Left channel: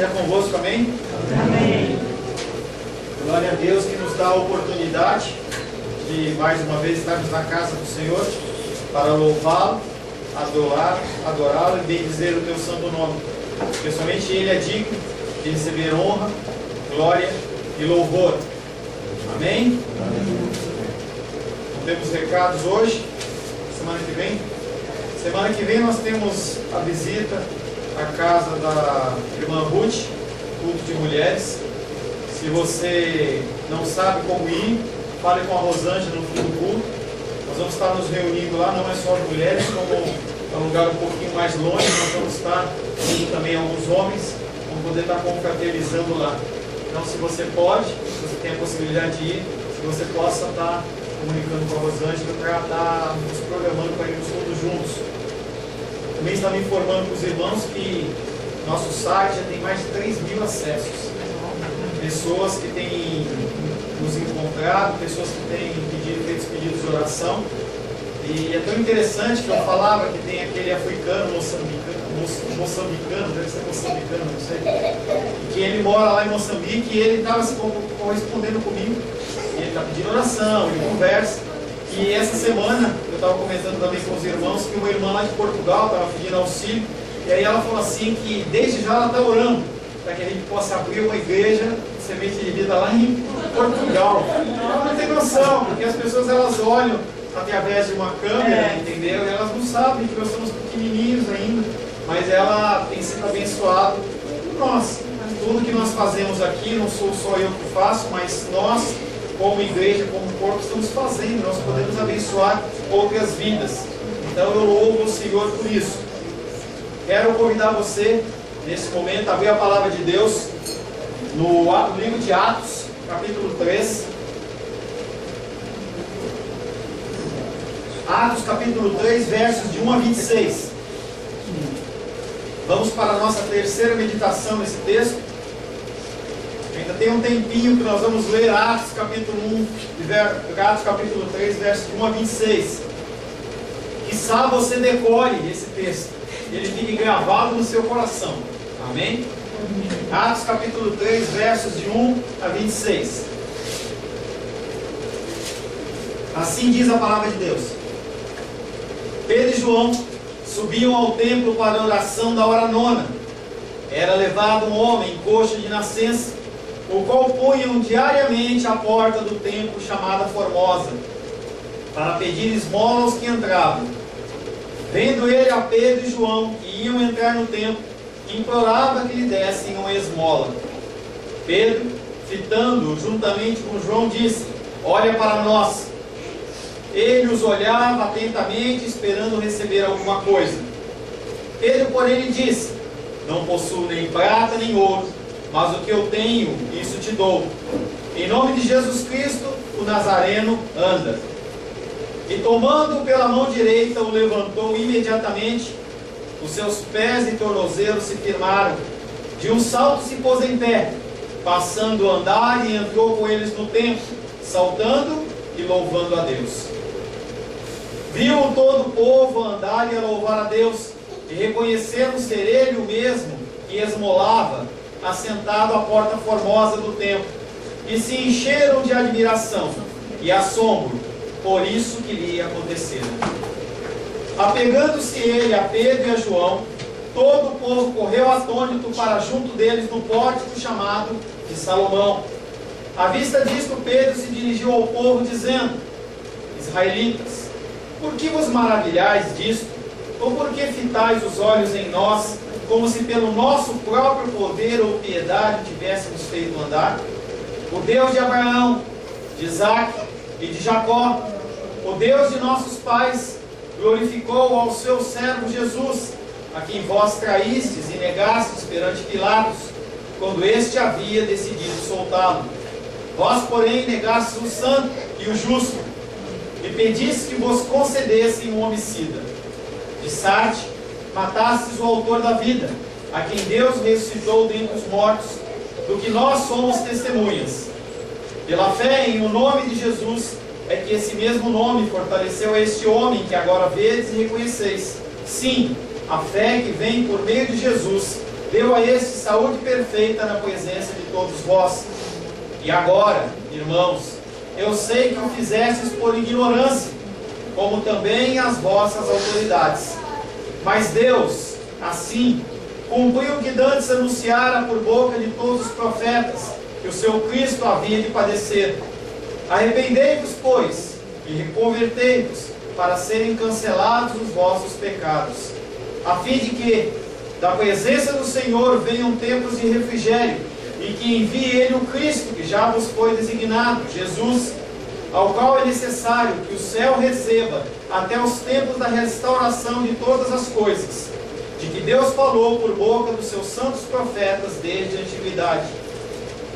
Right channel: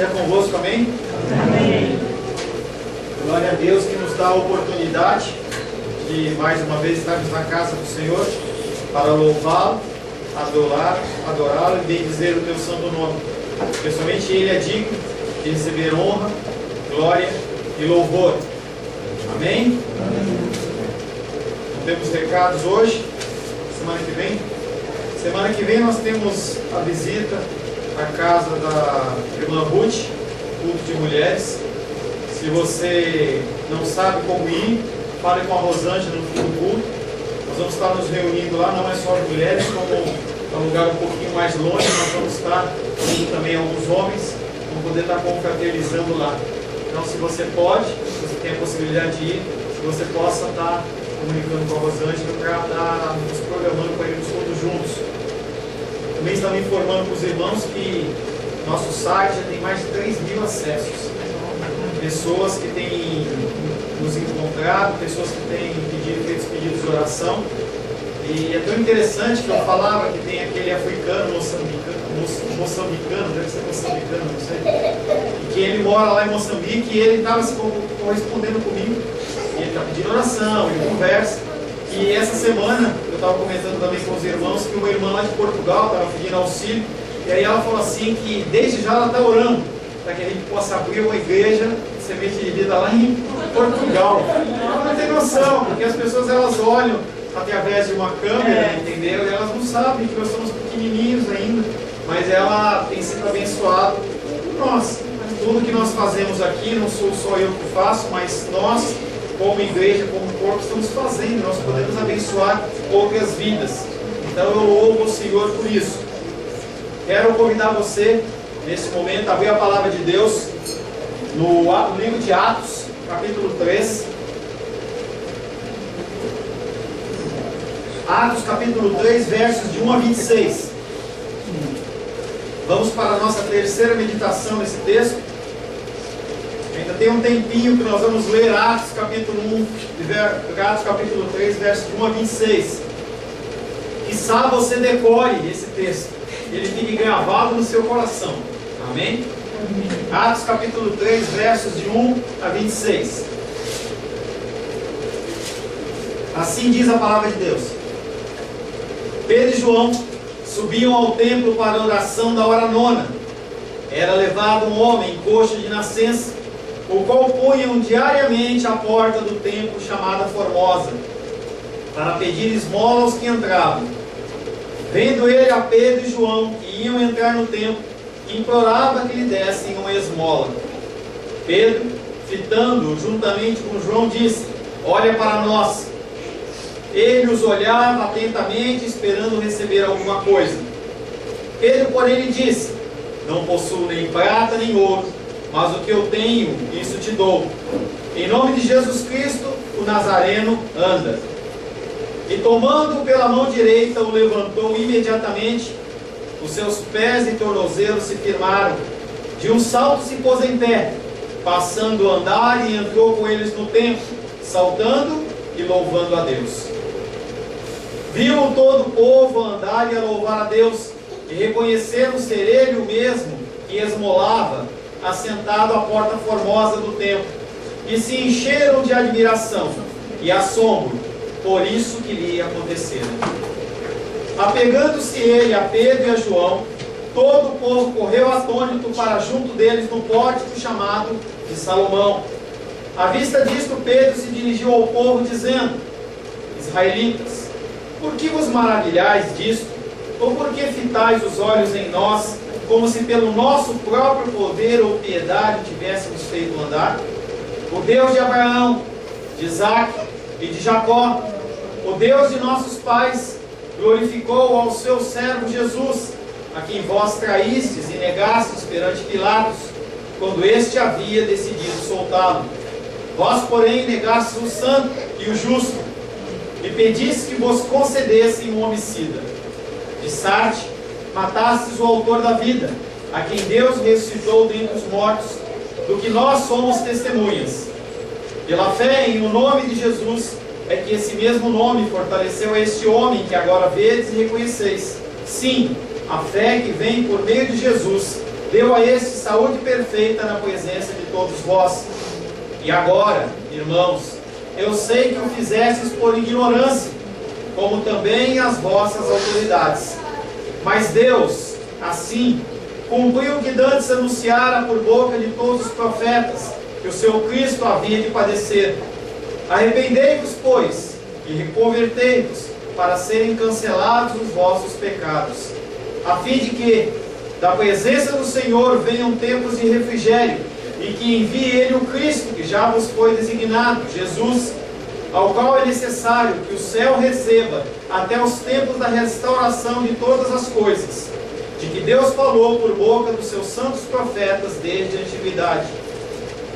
seja convosco, amém? Amém. Glória a Deus que nos dá a oportunidade de mais uma vez estarmos na casa do Senhor para louvá-lo, adorá-lo e bendizer o teu santo nome. Porque somente Ele é digno de receber honra, glória e louvor. Amém? Não temos recados hoje, semana que vem. Semana que vem nós temos a visita à casa da irmã Ruth, culto de mulheres. Se você não sabe como ir, fale com a Rosângela no fim do culto. Nós vamos estar nos reunindo lá, não é só as mulheres, como é um lugar um pouquinho mais longe, nós vamos estar com também alguns homens, vamos poder estar confraternizando lá. Então, se você pode, se você tem a possibilidade de ir, se você possa estar comunicando com a Rosângela para estar nos programando para irmos todos juntos. Também está me informando com os irmãos que nosso site já tem mais de 3.000 acessos. Pessoas que têm nos encontrado, pessoas que têm feito pedidos de oração. E é tão interessante que eu falava que tem aquele africano moçambicano, deve ser moçambicano, não sei, e que ele mora lá em Moçambique e ele estava se correspondendo comigo. E ele está pedindo oração, ele conversa. E essa semana eu estava comentando também com os irmãos que uma irmã lá de Portugal estava pedindo auxílio. E aí ela falou assim que desde já ela está orando para que a gente possa abrir uma igreja de semente de vida lá em Portugal. Ela não tem noção, porque as pessoas elas olham através de uma câmera, entendeu? E elas não sabem que nós somos pequenininhos ainda, mas ela tem sido abençoada por nós. Tudo que nós fazemos aqui, não sou só eu que faço, mas nós, como igreja, como corpo, estamos fazendo. Nós podemos abençoar outras vidas. Então eu louvo o Senhor por isso. Quero convidar você, nesse momento, a abrir a palavra de Deus no livro de Atos, capítulo 3. Atos, capítulo 3, versos de 1 a 26. Vamos para a nossa terceira meditação nesse texto. Ainda tem um tempinho que nós vamos ler Atos, capítulo 1, Atos, capítulo 3, versos de 1 a 26. Quiçá você decore esse texto, ele fique gravado no seu coração. Amém? Atos capítulo 3, versos de 1 a 26. Assim diz a palavra de Deus. Pedro e João subiam ao templo para a oração da hora nona. Era levado um homem coxo de nascença, o qual punham diariamente à porta do templo chamada Formosa, para pedir esmola aos que entravam. Vendo ele a Pedro e João, que iam entrar no templo, implorava que lhe dessem uma esmola. Pedro, fitando-o juntamente com João, disse: olha para nós. Ele os olhava atentamente, esperando receber alguma coisa. Pedro, porém, lhe disse: não possuo nem prata nem ouro, mas o que eu tenho, isso te dou. Em nome de Jesus Cristo, o Nazareno, anda. E tomando-o pela mão direita, o levantou imediatamente. Os seus pés e tornozelos se firmaram. De um salto se pôs em pé, passando a andar, e entrou com eles no templo, saltando e louvando a Deus. Viu todo o povo andar e a louvar a Deus, e reconheceram ser ele o mesmo que esmolava, assentado à porta formosa do templo, e se encheram de admiração e assombro por isso que lhe acontecera. Apegando-se ele a Pedro e a João, todo o povo correu atônito para junto deles no pórtico chamado de Salomão. À vista disto, Pedro se dirigiu ao povo, dizendo: israelitas, por que vos maravilhais disto? Ou por que fitais os olhos em nós, como se pelo nosso próprio poder ou piedade tivéssemos feito andar? O Deus de Abraão, de Isaque e de Jacó, o Deus de nossos pais, glorificou ao seu servo Jesus, a quem vós traístes e negastes perante Pilatos, quando este havia decidido soltá-lo. Vós, porém, negastes o santo e o justo, e pedistes que vos concedessem um homicida. De Sarte, matastes o autor da vida, a quem Deus ressuscitou dentre os mortos, do que nós somos testemunhas. Pela fé em o nome de Jesus, é que esse mesmo nome fortaleceu este homem que agora vedes e reconheceis. Sim, a fé que vem por meio de Jesus deu a este saúde perfeita na presença de todos vós. E agora, irmãos, eu sei que o fizestes por ignorância, como também as vossas autoridades. Mas Deus, assim, cumpriu o que dantes anunciara por boca de todos os profetas, que o seu Cristo havia de padecer. Arrependei-vos, pois, e reconvertei-vos, para serem cancelados os vossos pecados, a fim de que, da presença do Senhor, venham tempos de refrigério, e que envie Ele o Cristo, que já vos foi designado, Jesus, ao qual é necessário que o céu receba, até os tempos da restauração de todas as coisas, de que Deus falou por boca dos seus santos profetas desde a antiguidade.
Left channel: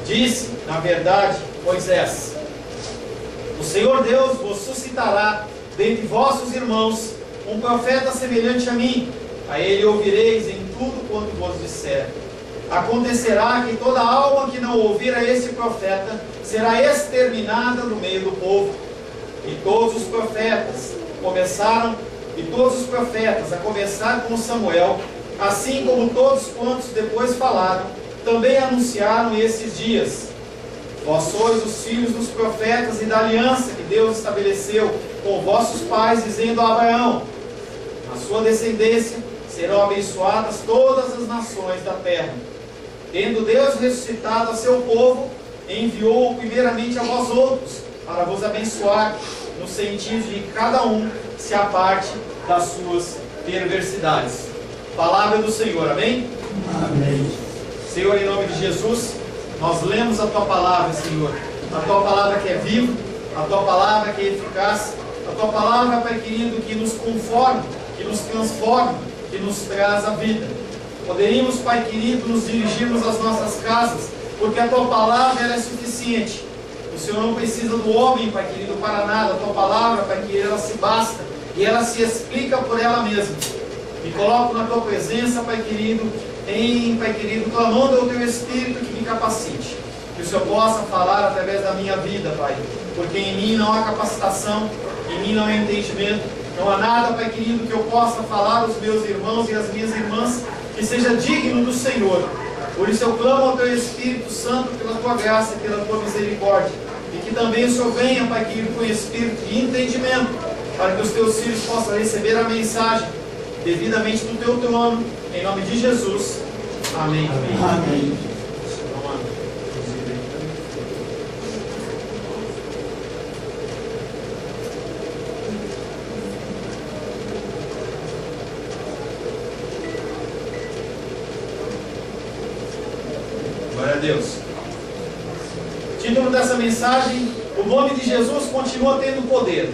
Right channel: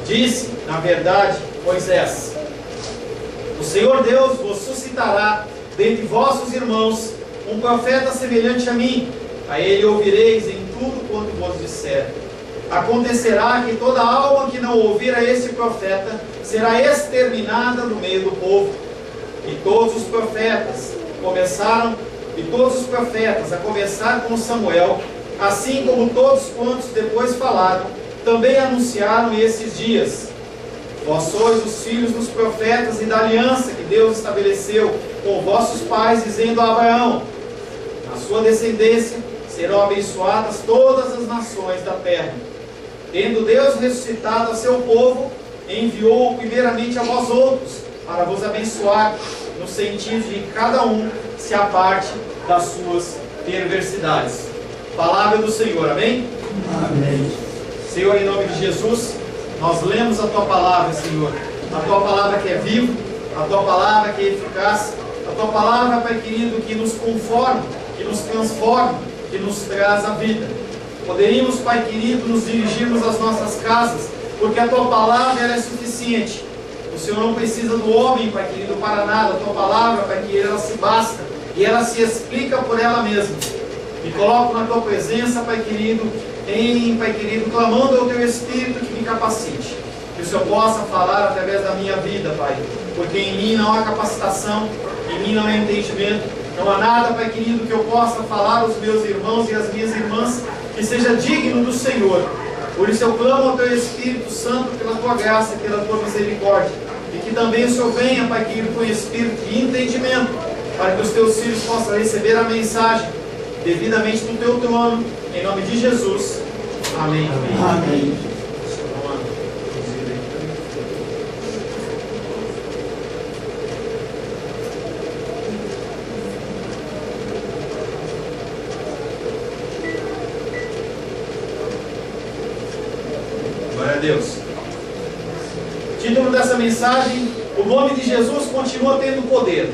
Disse, na verdade, Moisés: o Senhor Deus vos suscitará dentre vossos irmãos um profeta semelhante a mim. A ele ouvireis em tudo quanto vos disser. Acontecerá que toda alma que não ouvir a esse profeta será exterminada do meio do povo. E todos os profetas, a começar com Samuel, assim como todos quantos depois falaram, também anunciaram esses dias. Vós sois os filhos dos profetas e da aliança que Deus estabeleceu com vossos pais, dizendo a Abraão: na sua descendência serão abençoadas todas as nações da terra. Tendo Deus ressuscitado a seu povo, enviou-o primeiramente a vós outros, para vos abençoar, no sentido de que cada um se aparte das suas perversidades. Palavra do Senhor, amém? Amém. Senhor, em nome de Jesus, nós lemos a Tua palavra, Senhor. A Tua palavra que é viva, a Tua palavra que é eficaz, a Tua palavra, Pai querido, que nos conforma, que nos transforma, que nos traz a vida. Poderíamos, Pai querido, nos dirigirmos às nossas casas, porque a Tua palavra ela é suficiente. O Senhor não precisa do homem, Pai querido, para nada. A Tua palavra, Pai querido, ela se basta e ela se explica por ela mesma. Me coloco na Tua presença, Pai querido, Pai querido, clamando ao Teu Espírito que me capacite. Que o Senhor possa falar através da minha vida, Pai, porque em mim não há capacitação, em mim não há entendimento, não há nada, Pai querido, que eu possa falar aos meus irmãos e às minhas irmãs que seja digno do Senhor. Por isso eu clamo ao Teu Espírito Santo pela Tua graça, pela Tua misericórdia, e que também o Senhor venha, Pai querido, com espírito de entendimento, para que os Teus filhos possam receber a mensagem devidamente do Teu trono, em nome de Jesus. Amém. Amém. Glória a Deus. Título dessa mensagem: o nome de Jesus continua tendo poder.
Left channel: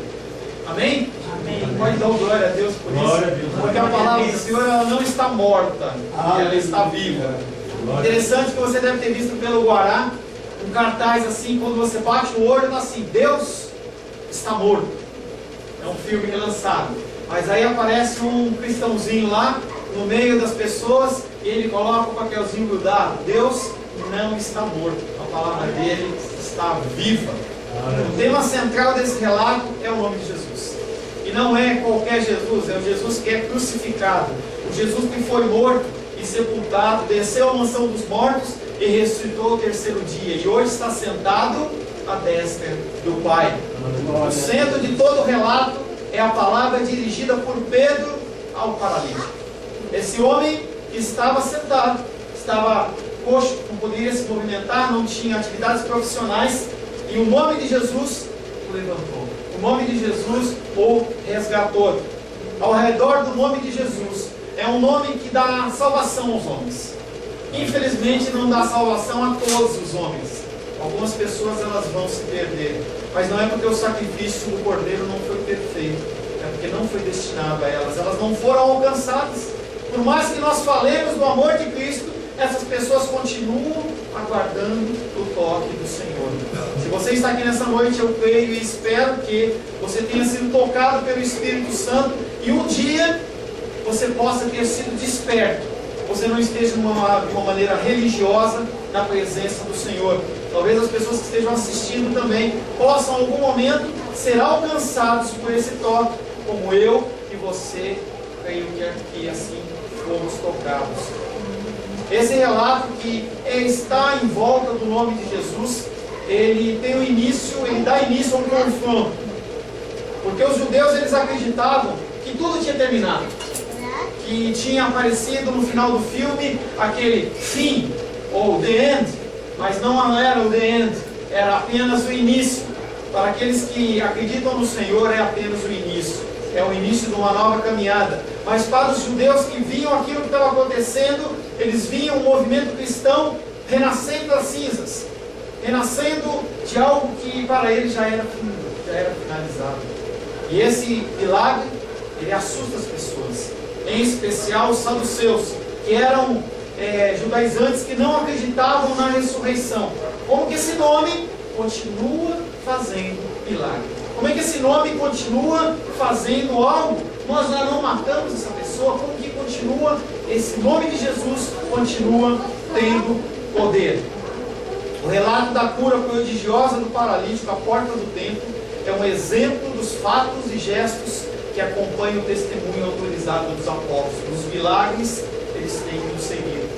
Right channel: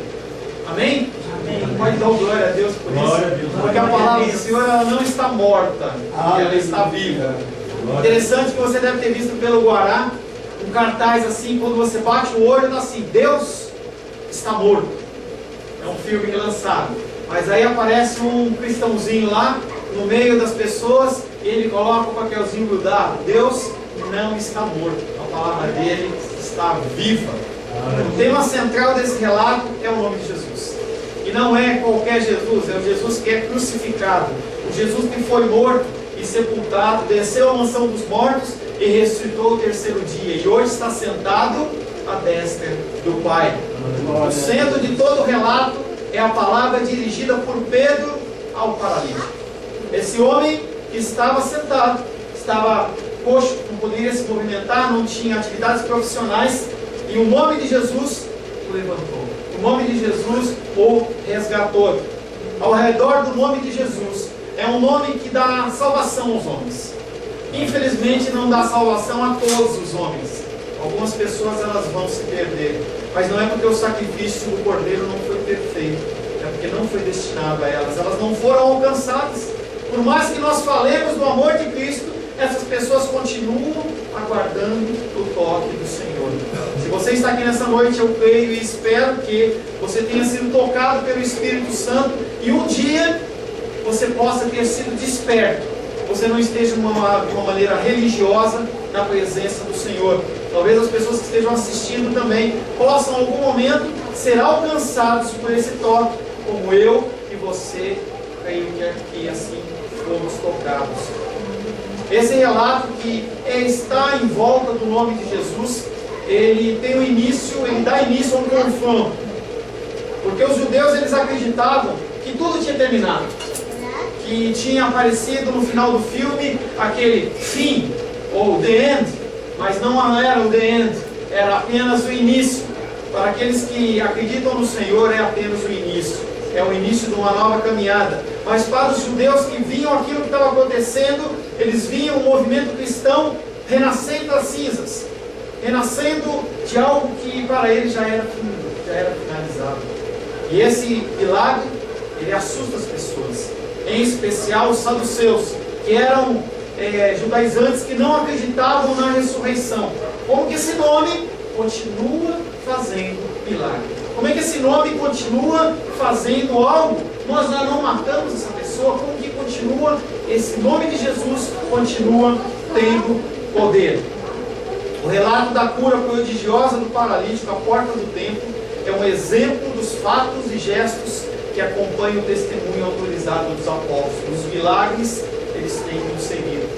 Amém? Amém. Pode dar glória a Deus por Glória isso. a Deus. Porque a palavra do Senhor ela não está morta, ela está viva. Interessante que você deve ter visto pelo Guará um cartaz assim, quando você bate o olho, está assim: Deus está morto. É um filme que é lançado. Mas aí aparece um cristãozinho lá no meio das pessoas e ele coloca o papelzinho grudado: Deus não está morto, a palavra dele está viva. O tema central desse relato é o nome de Jesus. E não é qualquer Jesus, é o Jesus que é crucificado, o Jesus que foi morto e sepultado, desceu à mansão dos mortos e ressuscitou o terceiro dia, e hoje está sentado à destra do Pai. O centro de todo o relato é a palavra dirigida por Pedro ao paralítico. Esse homem que estava sentado, estava coxo, não poderia se movimentar, não tinha atividades profissionais, e o nome de Jesus o levantou. O nome de Jesus o resgatou. Ao redor do nome de Jesus é um nome que dá salvação aos homens. Infelizmente não dá salvação a todos os homens. Algumas pessoas elas vão se perder, mas não é porque o sacrifício do Cordeiro não foi perfeito, é porque não foi destinado a elas. Elas não foram alcançadas. Por mais que nós falemos do amor de Cristo, essas pessoas continuam aguardando o toque do Senhor. Se você está aqui nessa noite, eu creio e espero que você tenha sido tocado pelo Espírito Santo e um dia você possa ter sido desperto. Você não esteja de uma maneira religiosa na presença do Senhor. Talvez as pessoas que estejam assistindo também possam, em algum momento, ser alcançados por esse toque, como eu e você, creio que aqui assim fomos tocados. Esse relato que está em volta do nome de Jesus, ele tem um início, ele dá início a um confronto. Porque os judeus, eles acreditavam que tudo tinha terminado, que tinha aparecido no final do filme aquele fim, ou the end, mas não era o the end, era apenas o início. Para aqueles que acreditam no Senhor, é apenas o início, é o início de uma nova caminhada. Mas para os judeus que viam aquilo que estava acontecendo, eles viam o movimento cristão renascendo das cinzas, renascendo de algo que para eles já era finalizado. E esse milagre, ele assusta as pessoas, em especial os saduceus, que eram judaizantes que não acreditavam na ressurreição. Como que esse nome continua fazendo milagre? Como é que esse nome continua fazendo algo? Nós já não matamos essa pessoa. Como que continua? Esse nome de Jesus continua tendo poder. O relato da cura prodigiosa do paralítico à porta do templo é um exemplo dos fatos e gestos que acompanham o testemunho autorizado dos apóstolos. Os milagres, eles têm que nos seguir.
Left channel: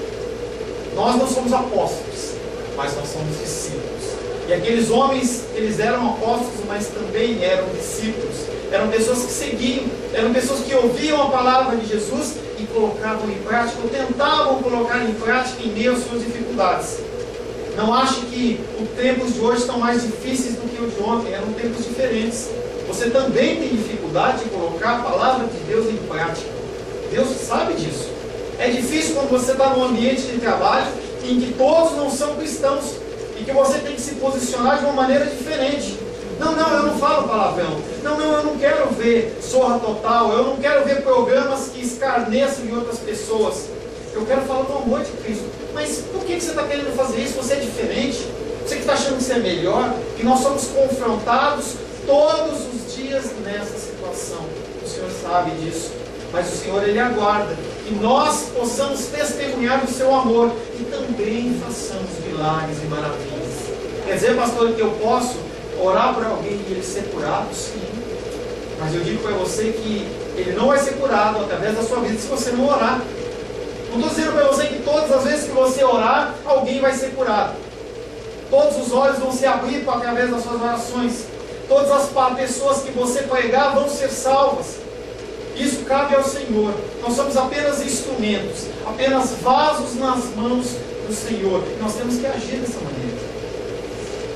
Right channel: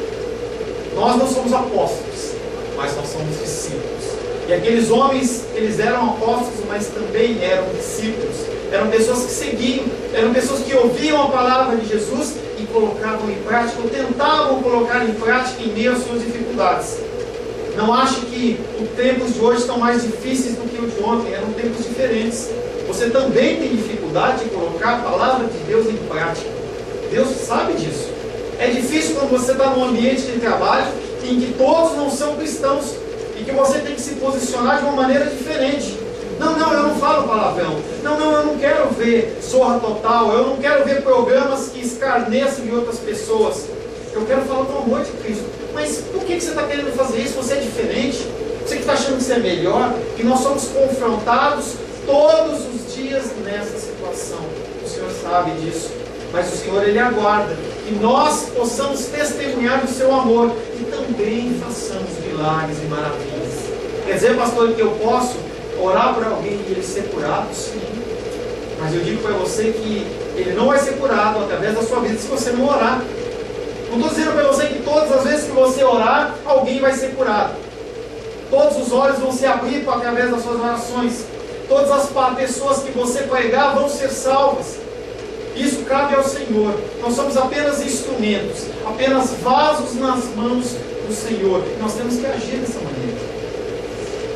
Nós não somos apóstolos, mas nós somos discípulos. E aqueles homens, eles eram apóstolos, mas também eram discípulos. Eram pessoas que seguiam, eram pessoas que ouviam a palavra de Jesus e colocavam em prática, ou tentavam colocar em prática em meio às suas dificuldades. Não ache que os tempos de hoje estão mais difíceis do que os de ontem, eram tempos diferentes. Você também tem dificuldade de colocar a palavra de Deus em prática. Deus sabe disso. É difícil quando você está num ambiente de trabalho em que todos não são cristãos e que você tem que se posicionar de uma maneira diferente. Não, eu não falo palavrão. Não, eu não quero ver Zorra Total. Eu não quero ver programas que escarneçam de outras pessoas. Eu quero falar do amor de Cristo. Mas por que você está querendo fazer isso? Você é diferente? Você que está achando que você é melhor? Que nós somos confrontados todos os dias nessa situação. O Senhor sabe disso. Mas o Senhor, Ele aguarda que nós possamos testemunhar do seu amor e também façamos milagres e maravilhas. Quer dizer, pastor, que eu posso orar por alguém e ele ser curado? Sim. Mas eu digo para você que ele não vai ser curado através da sua vida se você não orar. Não estou dizendo para você que todas as vezes que você orar, alguém vai ser curado. Todos os olhos vão se abrir através das suas orações. Todas as pessoas que você pregar vão ser salvas. Isso cabe ao Senhor. Nós somos apenas instrumentos, apenas vasos nas mãos do Senhor. E nós temos que agir dessa maneira.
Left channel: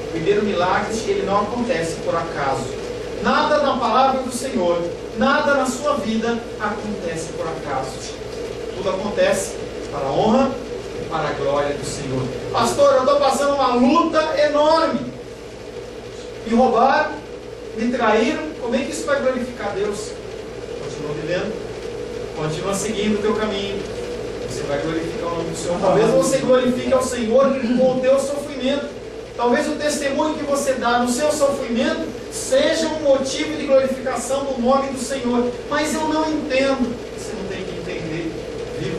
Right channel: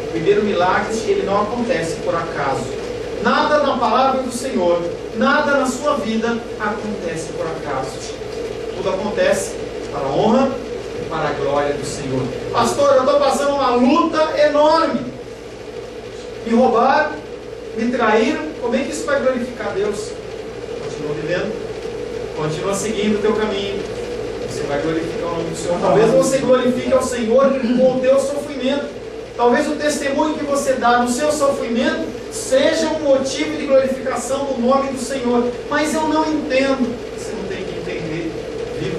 O primeiro milagre, ele não acontece por acaso. Nada na palavra do Senhor, nada na sua vida acontece por acaso. Tudo acontece para a honra e para a glória do Senhor. Pastor, eu estou passando uma luta enorme. Me roubaram, me traíram. Como é que isso vai glorificar Deus? Continua vivendo, continua seguindo o teu caminho. Você vai glorificar o nome do Senhor. Talvez você glorifique ao Senhor com o teu sofrimento. Talvez o testemunho que você dá no seu sofrimento seja um motivo de glorificação do nome do Senhor. Mas eu não entendo. Você não tem que entender. Viva.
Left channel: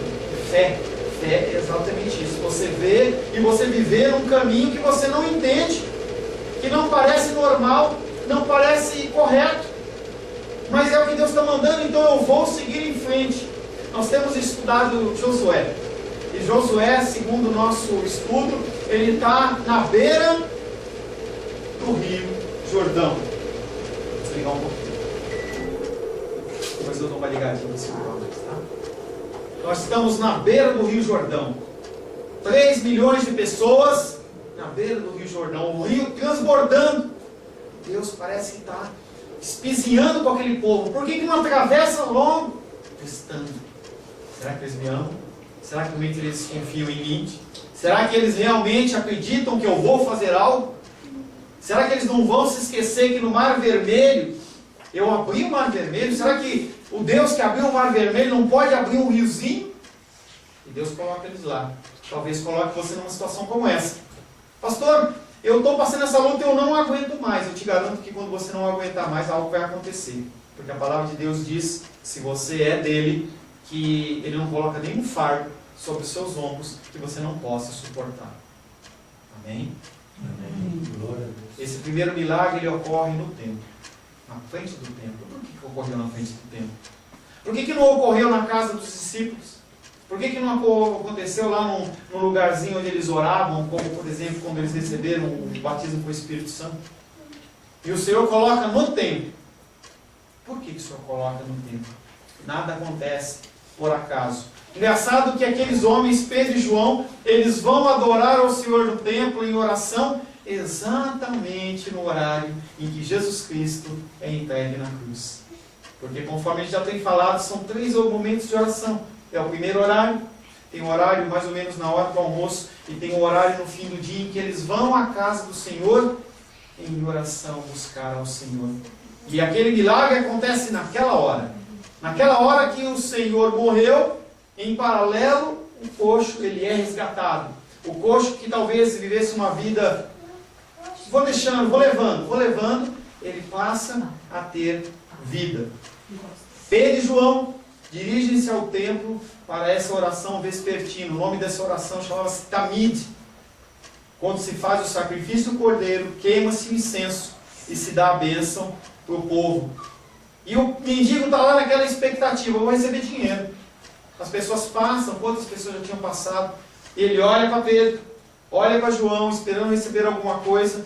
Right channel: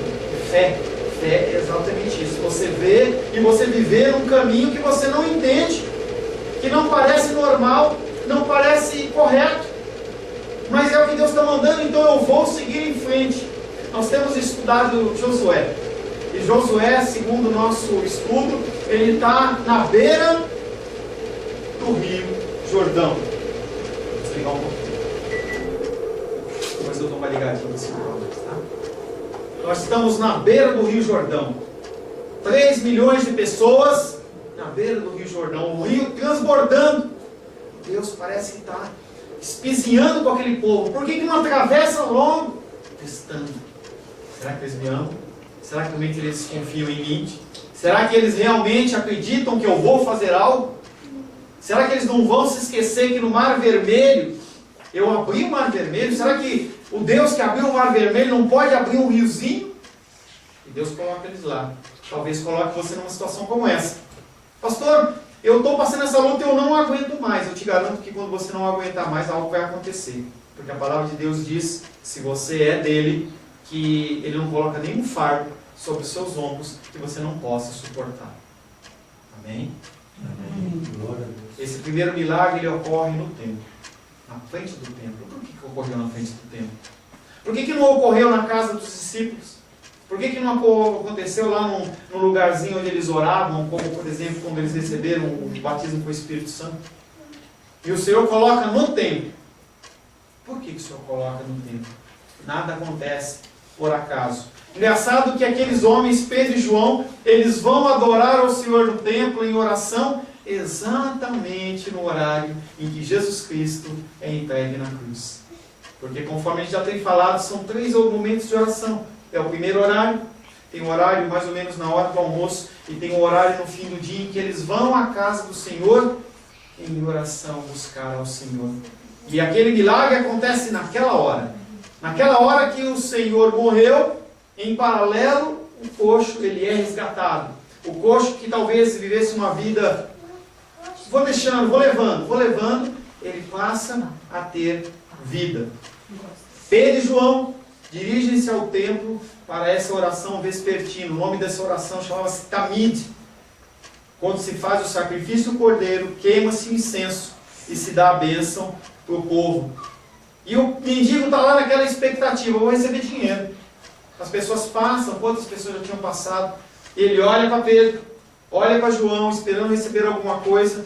Fé. Fé é exatamente isso. Você vê e você viver um caminho que você não entende, que não parece normal, não parece correto. Mas é o que Deus está mandando, então eu vou seguir em frente. Nós temos estudado Josué. E Josué, segundo o nosso estudo, ele está na beira do rio Jordão. Vou desligar um pouquinho. Depois eu dou uma ligadinha nesse microfone, tá? Nós estamos na beira do rio Jordão. 3 milhões de pessoas na beira do rio Jordão. O rio transbordando. Deus parece que está espizinhando com aquele povo. Por que não atravessa logo? Testando. Será que eles me amam? Será que realmente eles confiam em mim? Será que eles realmente acreditam que eu vou fazer algo? Será que eles não vão se esquecer que no Mar Vermelho, eu abri o Mar Vermelho? Será que o Deus que abriu o Mar Vermelho não pode abrir um riozinho? E Deus coloca eles lá. Talvez coloque você numa situação como essa. Pastor, eu estou passando essa luta e eu não aguento mais. Eu te garanto que quando você não aguentar mais, algo vai acontecer. Porque a palavra de Deus diz, se você é dele, que ele não coloca nenhum fardo sobre os seus ombros que você não possa suportar. Amém? Amém. Glória a Deus. Esse primeiro milagre, ele ocorre no templo. Na frente do templo. Por que ocorreu na frente do templo? Por que não ocorreu na casa dos discípulos? Por que não aconteceu lá num lugarzinho onde eles oravam, como por exemplo quando eles receberam o batismo com o Espírito Santo? E o Senhor coloca no templo. Por que o Senhor coloca no templo? Nada acontece por acaso. Engraçado que aqueles homens, Pedro e João, eles vão adorar ao Senhor no templo em oração, exatamente no horário em que Jesus Cristo é entregue na cruz. Porque conforme a gente já tem falado, são 3 momentos de oração. É o primeiro horário, tem um horário mais ou menos na hora do almoço, e tem um horário no fim do dia em que eles vão à casa do Senhor em oração buscar ao Senhor. E aquele milagre acontece naquela hora. Naquela hora que o Senhor morreu, em paralelo, o coxo ele é resgatado. O coxo que talvez vivesse uma vida, vou deixando, vou levando, ele passa a ter vida. Pedro e João dirigem-se ao templo para essa oração vespertina. O nome dessa oração chamava-se Tamid. Quando se faz o sacrifício do cordeiro, queima-se o incenso e se dá a bênção para o povo. E o mendigo está lá naquela expectativa, vou receber dinheiro. As pessoas passam, quantas pessoas já tinham passado? Ele olha para Pedro, olha para João, esperando receber alguma coisa.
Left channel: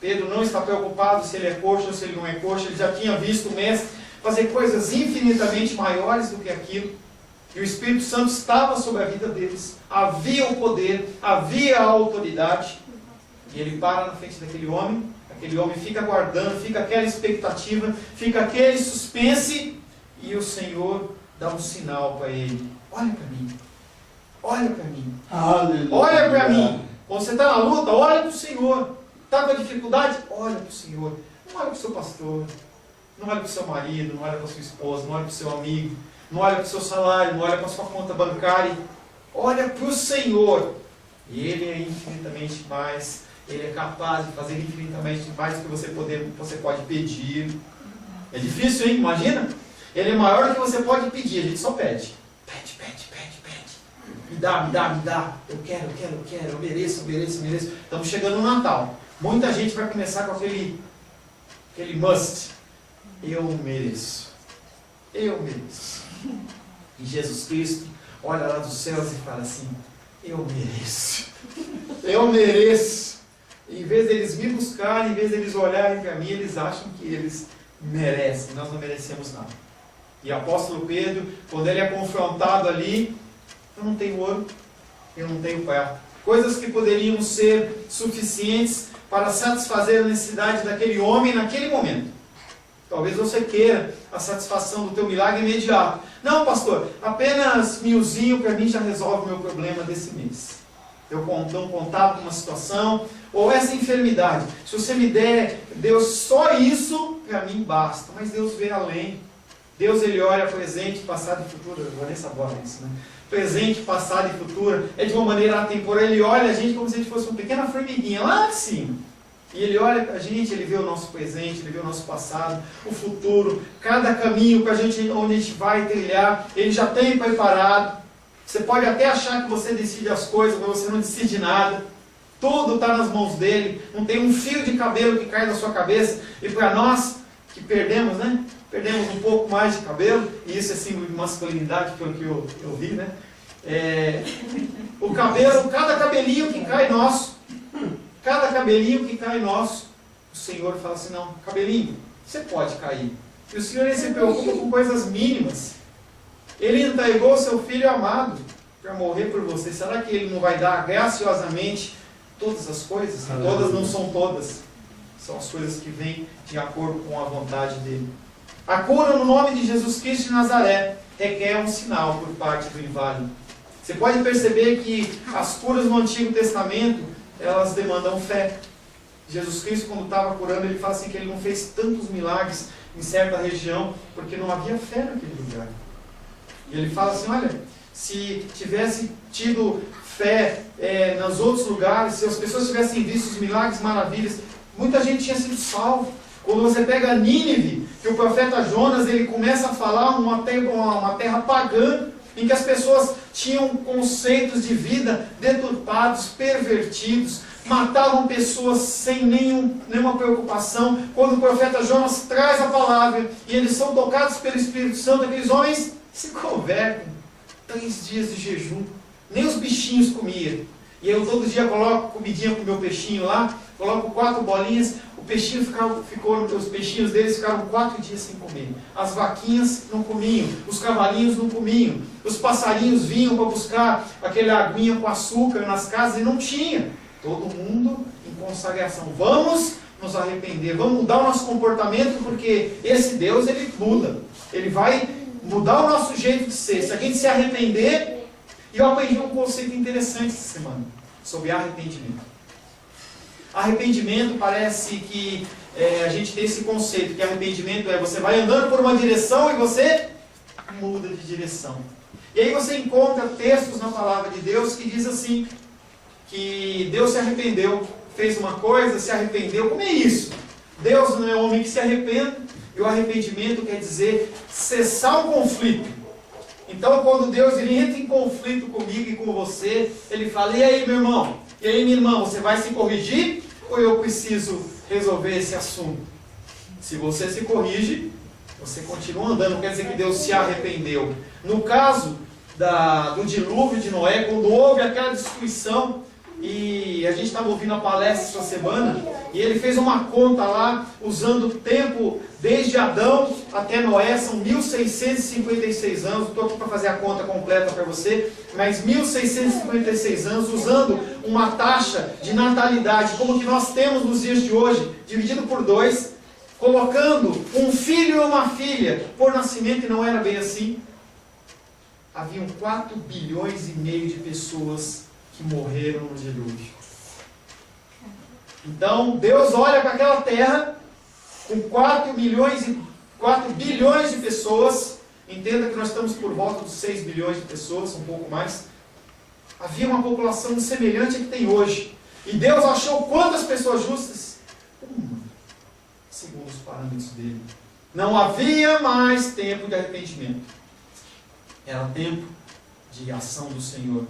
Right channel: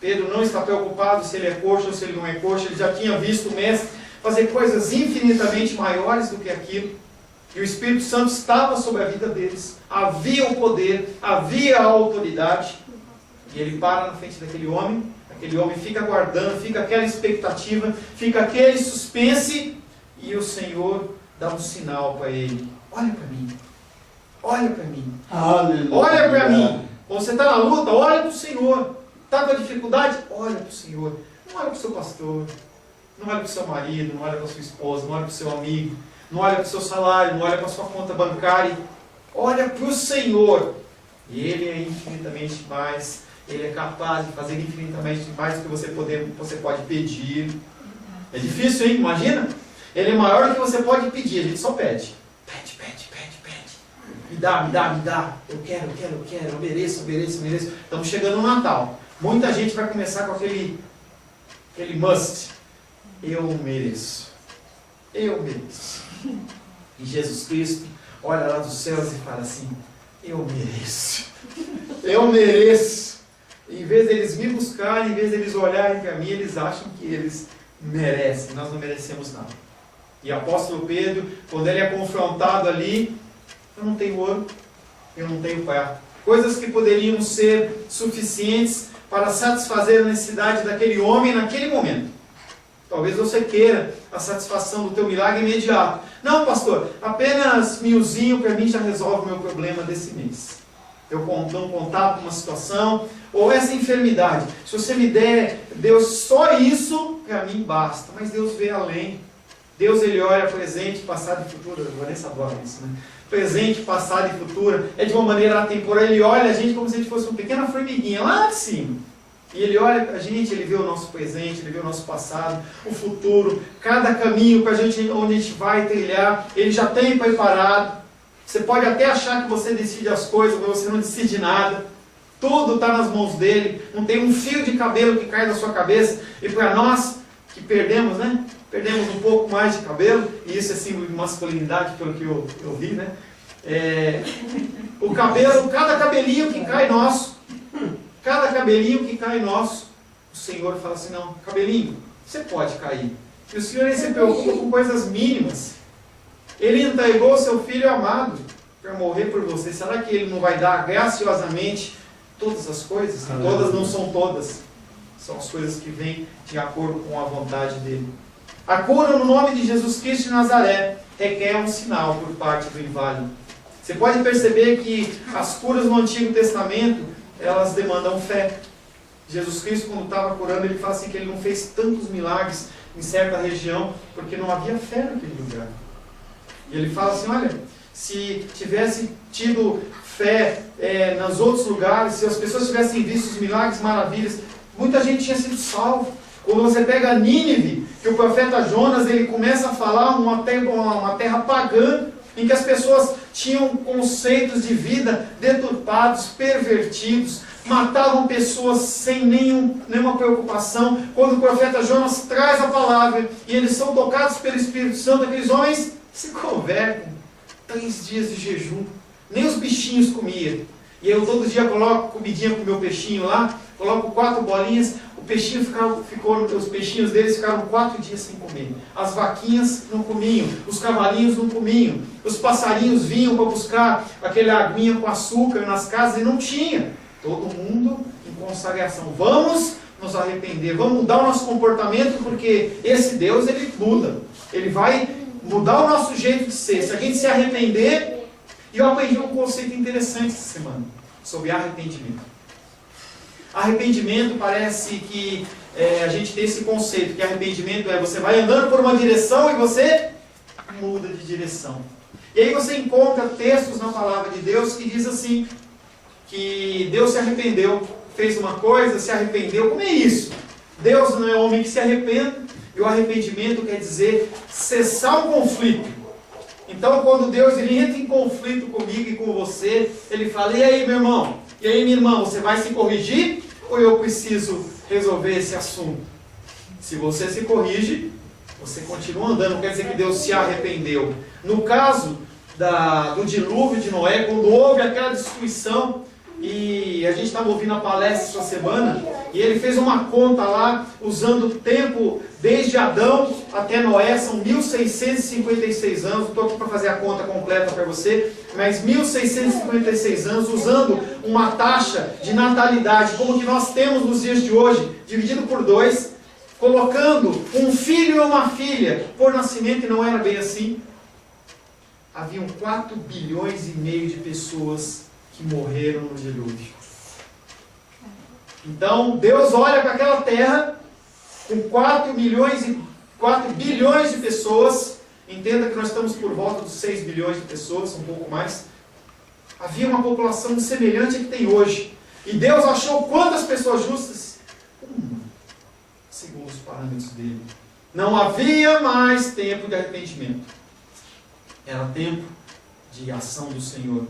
Pedro não está preocupado se ele é coxo ou se ele não é coxo. Ele já tinha visto o mestre fazer coisas infinitamente maiores do que aquilo. E o Espírito Santo estava sobre a vida deles. Havia o poder, havia a autoridade. E ele para na frente daquele homem fica aguardando, fica aquela expectativa, fica aquele suspense, e o Senhor dá um sinal para ele. Olha para mim. Olha para mim. Aleluia. Olha para mim. Quando você está na luta, olha para o Senhor. Está com a dificuldade? Olha para o Senhor. Não olha para o seu pastor. Não olha para o seu marido, não olha para a sua esposa, não olha para o seu amigo, não olha para o seu salário, não olha para a sua conta bancária. Olha para o Senhor. E Ele é infinitamente mais, Ele é capaz de fazer infinitamente mais do que você pode pedir. É difícil, hein? Imagina? Ele é maior do que você pode pedir, a gente só pede. Pede. Me dá. Eu quero, eu mereço. Estamos chegando no Natal. Muita gente vai começar com aquele must. Eu mereço. E Jesus Cristo olha lá dos céus e fala assim: eu mereço. Em vez deles me buscarem, em vez deles olharem para mim, eles acham que eles merecem. Nós não merecemos nada. E o apóstolo Pedro, quando ele é confrontado ali, eu não tenho ouro, eu não tenho prata. Coisas que poderiam ser suficientes para satisfazer a necessidade daquele homem naquele momento. Talvez você queira a satisfação do teu milagre imediato. Não, pastor, apenas 1000zinho para mim já resolve o meu problema desse mês. Eu não contato com uma situação, ou essa enfermidade. Se você me der, Deus, só isso, para mim basta. Mas Deus vê além. Deus, Ele olha presente, passado e futuro. Eu vou nem saber isso, né? Presente, passado e futuro. É de uma maneira atemporal. Ele olha a gente como se a gente fosse uma pequena formiguinha lá de cima. E Ele olha para a gente, Ele vê o nosso presente, Ele vê o nosso passado, o futuro, cada caminho para a gente, onde a gente vai trilhar, Ele já tem preparado. Você pode até achar que você decide as coisas, mas você não decide nada. Tudo está nas mãos dEle. Não tem um fio de cabelo que cai da sua cabeça. E para nós que perdemos, né? Perdemos um pouco mais de cabelo, e isso é símbolo de masculinidade, pelo que eu vi, né? O cabelo, cada cabelinho que cai nosso, o Senhor fala assim: não, cabelinho, você pode cair. E o Senhor, Ele se preocupa com coisas mínimas. Ele entregou o seu Filho amado para morrer por você. Será que Ele não vai dar graciosamente todas as coisas? Todas não são todas. São as coisas que vêm de acordo com a vontade dEle. A cura no nome de Jesus Cristo de Nazaré requer um sinal por parte do inválido. Você pode perceber que as curas no Antigo Testamento, elas demandam fé. Jesus Cristo, quando estava curando, Ele fala assim que Ele não fez tantos milagres em certa região, porque não havia fé naquele lugar. E Ele fala assim: olha, se tivesse tido fé nos outros lugares, se as pessoas tivessem visto os milagres, maravilhas, muita gente tinha sido salvo. Quando você pega Nínive, que o profeta Jonas, ele começa a falar uma terra pagã, em que as pessoas tinham conceitos de vida deturpados, pervertidos, matavam pessoas sem nenhuma preocupação. Quando o profeta Jonas traz a palavra e eles são tocados pelo Espírito Santo, aqueles homens se convertem. 3 dias de jejum. Nem os bichinhos comiam. E eu todo dia coloco comidinha pro meu peixinho lá, coloco 4 bolinhas, o peixinho os peixinhos deles ficaram 4 dias sem comer. As vaquinhas não comiam, os cavalinhos não comiam, os passarinhos vinham para buscar aquela aguinha com açúcar nas casas e não tinha. Todo mundo em consagração. Vamos nos arrepender, vamos mudar o nosso comportamento, porque esse Deus, ele muda. Ele vai mudar o nosso jeito de ser. Se a gente se arrepender... E eu aprendi um conceito interessante essa semana, sobre arrependimento. Arrependimento parece que a gente tem esse conceito, que arrependimento é você vai andando por uma direção e você muda de direção. E aí você encontra textos na palavra de Deus que diz assim, que Deus se arrependeu, fez uma coisa, se arrependeu. Como é isso? Deus não é homem que se arrependa, e o arrependimento quer dizer cessar o conflito. Então, quando Deus ele entra em conflito comigo e com você, Ele fala, e aí, meu irmão? E aí, minha irmã? Você vai se corrigir ou eu preciso resolver esse assunto? Se você se corrige, você continua andando. Não quer dizer que Deus se arrependeu. No caso do dilúvio de Noé, quando houve aquela destruição, e a gente estava ouvindo a palestra essa semana, e ele fez uma conta lá, usando o tempo desde Adão até Noé, são 1656 anos, estou aqui para fazer a conta completa para você, mas 1656 anos, usando uma taxa de natalidade, como que nós temos nos dias de hoje, dividido por 2, colocando um filho e uma filha por nascimento, e não era bem assim. Haviam 4 bilhões e meio de pessoas que morreram no dilúvio. Então, Deus olha para aquela terra com 4 bilhões de pessoas. Entenda que nós estamos por volta dos 6 bilhões de pessoas, um pouco mais. Havia uma população semelhante à que tem hoje. E Deus achou quantas pessoas justas? Uma, segundo os parâmetros dele. Não havia mais tempo de arrependimento. Era tempo de ação do Senhor.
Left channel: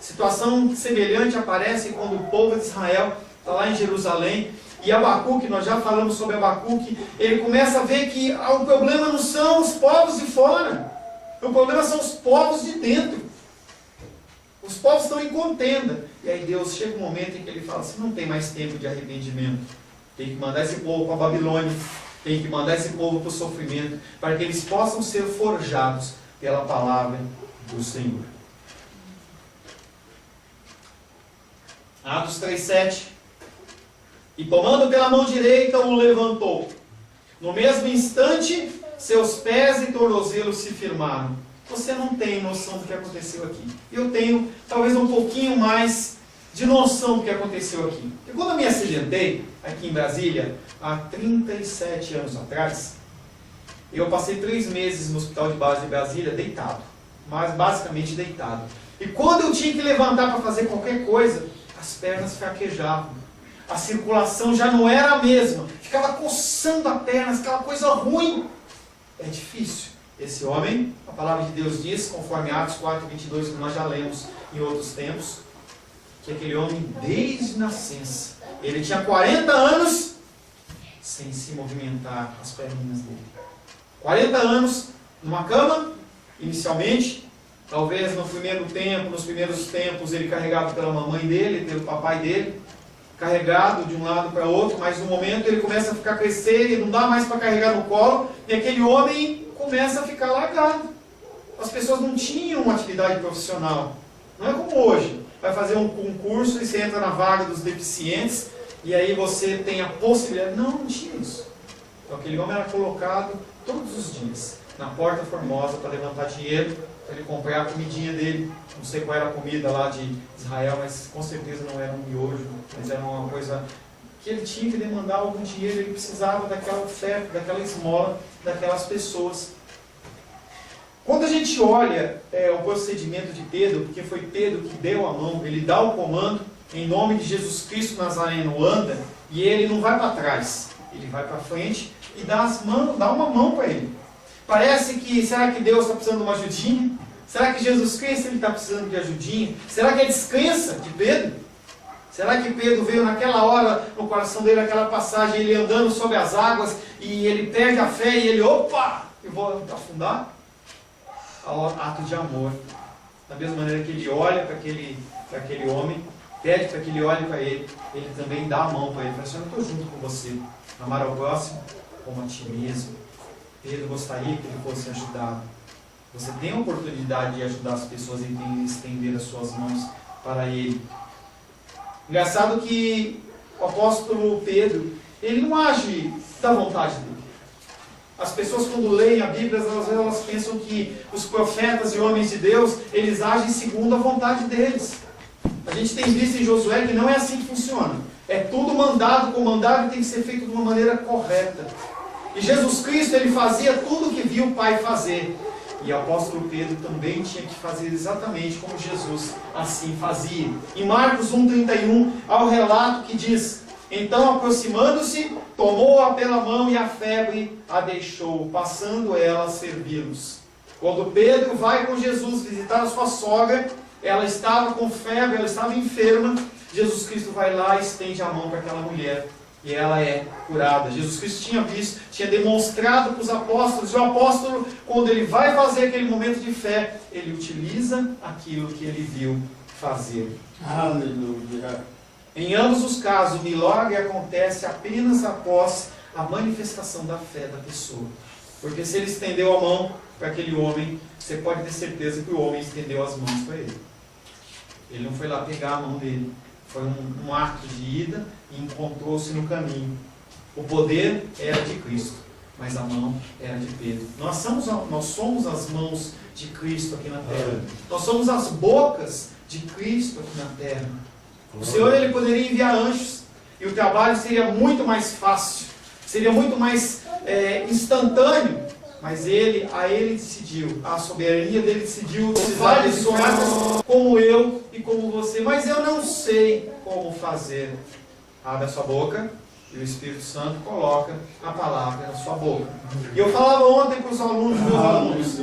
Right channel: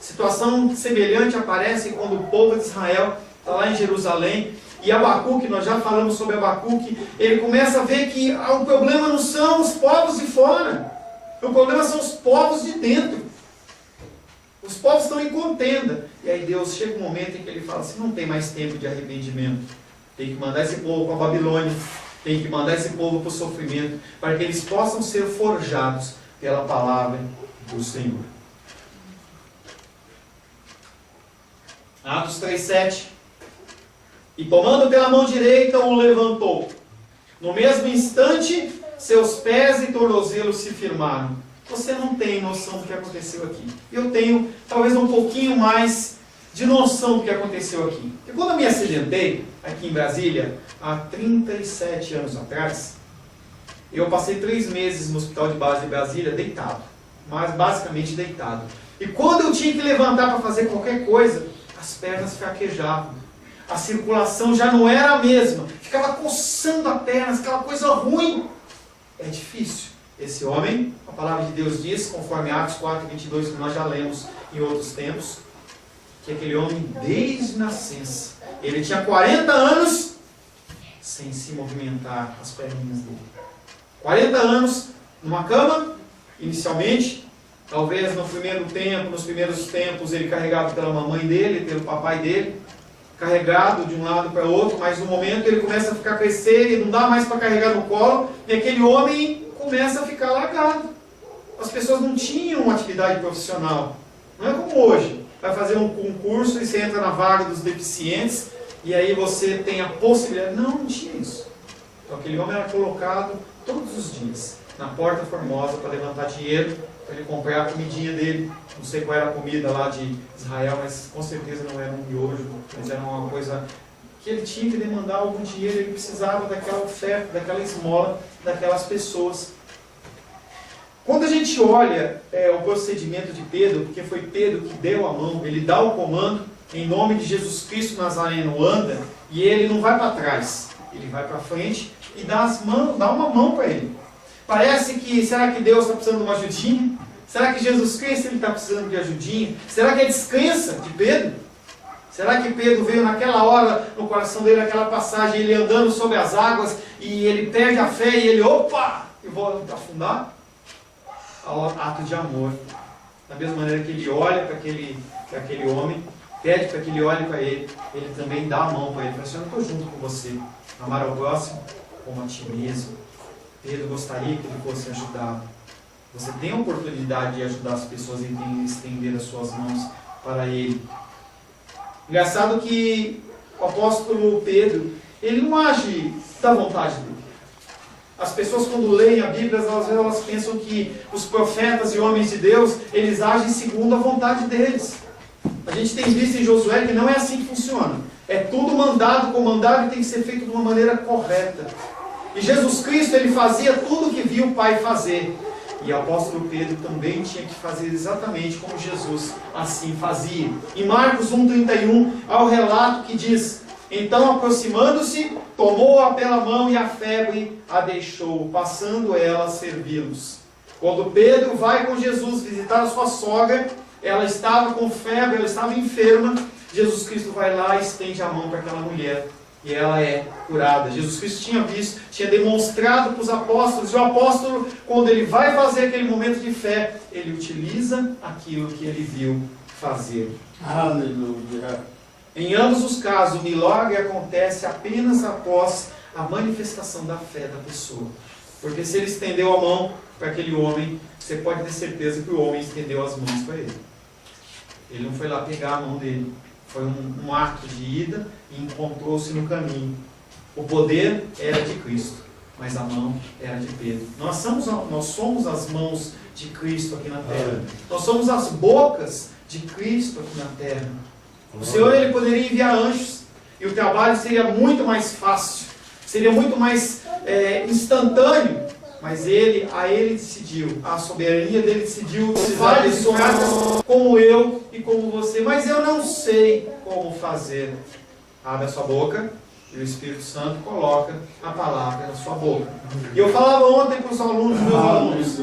Situação semelhante aparece quando o povo de Israel está lá em Jerusalém, e Abacuque, nós já falamos sobre Abacuque, ele começa a ver que o problema não são os povos de fora, o problema são os povos de dentro. Os povos estão em contenda. E aí Deus chega um momento em que ele fala assim, não tem mais tempo de arrependimento, tem que mandar esse povo para a Babilônia, tem que mandar esse povo para o sofrimento, para que eles possam ser forjados pela palavra do Senhor. Atos 3,7. E tomando pela mão direita, o levantou. No mesmo instante, seus pés e tornozelos se firmaram. Você não tem noção do que aconteceu aqui. Eu tenho, talvez, um pouquinho mais de noção do que aconteceu aqui. Porque quando eu me acidentei, aqui em Brasília, há 37 anos atrás, eu passei 3 meses no hospital de base de Brasília, deitado. Mas basicamente deitado. E quando eu tinha que levantar para fazer qualquer coisa, as pernas fraquejavam. A circulação já não era a mesma. Ficava coçando a perna, aquela coisa ruim. É difícil. Esse homem, a palavra de Deus diz, conforme Atos 4:22, que nós já lemos em outros tempos, que aquele homem, desde nascença, ele tinha 40 anos sem se movimentar as perninhas dele. 40 anos numa cama, inicialmente. Talvez no primeiro tempo, nos primeiros tempos, ele carregado pela mamãe dele, pelo papai dele, carregado de um lado para o outro, mas no momento ele começa a ficar crescer e não dá mais para carregar no colo, e aquele homem começa a ficar largado. As pessoas não tinham uma atividade profissional. Não é como hoje. Vai fazer um concurso e você entra na vaga dos deficientes, e aí você tem a possibilidade. Não tinha isso. Então aquele homem era colocado todos os dias na Porta Formosa para levantar dinheiro, para ele comprar a comidinha dele. Não sei qual era a comida lá de Israel, mas com certeza não era um miojo, mas era uma coisa que ele tinha que demandar algum dinheiro, ele precisava daquela oferta, daquela esmola, daquelas pessoas. Quando a gente olha o procedimento de Pedro, porque foi Pedro que deu a mão, ele dá o comando, em nome de Jesus Cristo Nazareno, anda, e ele não vai para trás, ele vai para frente e dá uma mão para ele. Parece que, será que Deus está precisando de uma ajudinha? Será que Jesus Cristo está precisando de ajudinha? Será que é descrença de Pedro? Será que Pedro veio naquela hora, no coração dele, naquela passagem, ele andando sobre as águas, e ele perde a fé, e ele, opa, eu vou afundar? ao ato de amor. Da mesma maneira que ele olha para aquele homem, pede para que ele olhe para ele, ele também dá a mão para ele. Fala assim: eu estou junto com você. Amar ao próximo como a ti mesmo. Pedro gostaria que ele fosse ajudado. Você tem a oportunidade de ajudar as pessoas e de estender as suas mãos para ele. Engraçado que o apóstolo Pedro, ele não age da vontade dele. As pessoas, quando leem a Bíblia, elas pensam que os profetas e homens de Deus, eles agem segundo a vontade deles. A gente tem visto em Josué que não é assim que funciona. É tudo mandado, comandado, e tem que ser feito de uma maneira correta. E Jesus Cristo, ele fazia tudo o que viu o Pai fazer. E o apóstolo Pedro também tinha que fazer exatamente como Jesus assim fazia. Em Marcos 1,31, há o relato que diz: então, aproximando-se, tomou-a pela mão e a febre a deixou, passando ela a servi-los. Quando Pedro vai com Jesus visitar a sua sogra, ela estava com febre, ela estava enferma. Jesus Cristo vai lá e estende a mão para aquela mulher. E ela é curada. Jesus Cristo tinha visto, tinha demonstrado para os apóstolos. E o apóstolo, quando ele vai fazer aquele momento de fé, ele utiliza aquilo que ele viu fazer. Aleluia. Em ambos os casos, o milagre acontece apenas após a manifestação da fé da pessoa. Porque se ele estendeu a mão para aquele homem, você pode ter certeza que o homem estendeu as mãos para ele. Ele não foi lá pegar a mão dele. Foi um ato de ida e encontrou-se no caminho. O poder era de Cristo, mas a mão era de Pedro. Nós somos as mãos de Cristo aqui na terra. Nós somos as bocas de Cristo aqui na terra. O Senhor, ele poderia enviar anjos e o trabalho seria muito mais fácil, seria muito mais instantâneo, mas a ele decidiu, a soberania dele decidiu usar pessoas como eu e como você, mas eu não sei como fazer. Abre a sua boca e o Espírito Santo coloca a palavra na sua boca. E eu falava ontem para os alunos, meus alunos,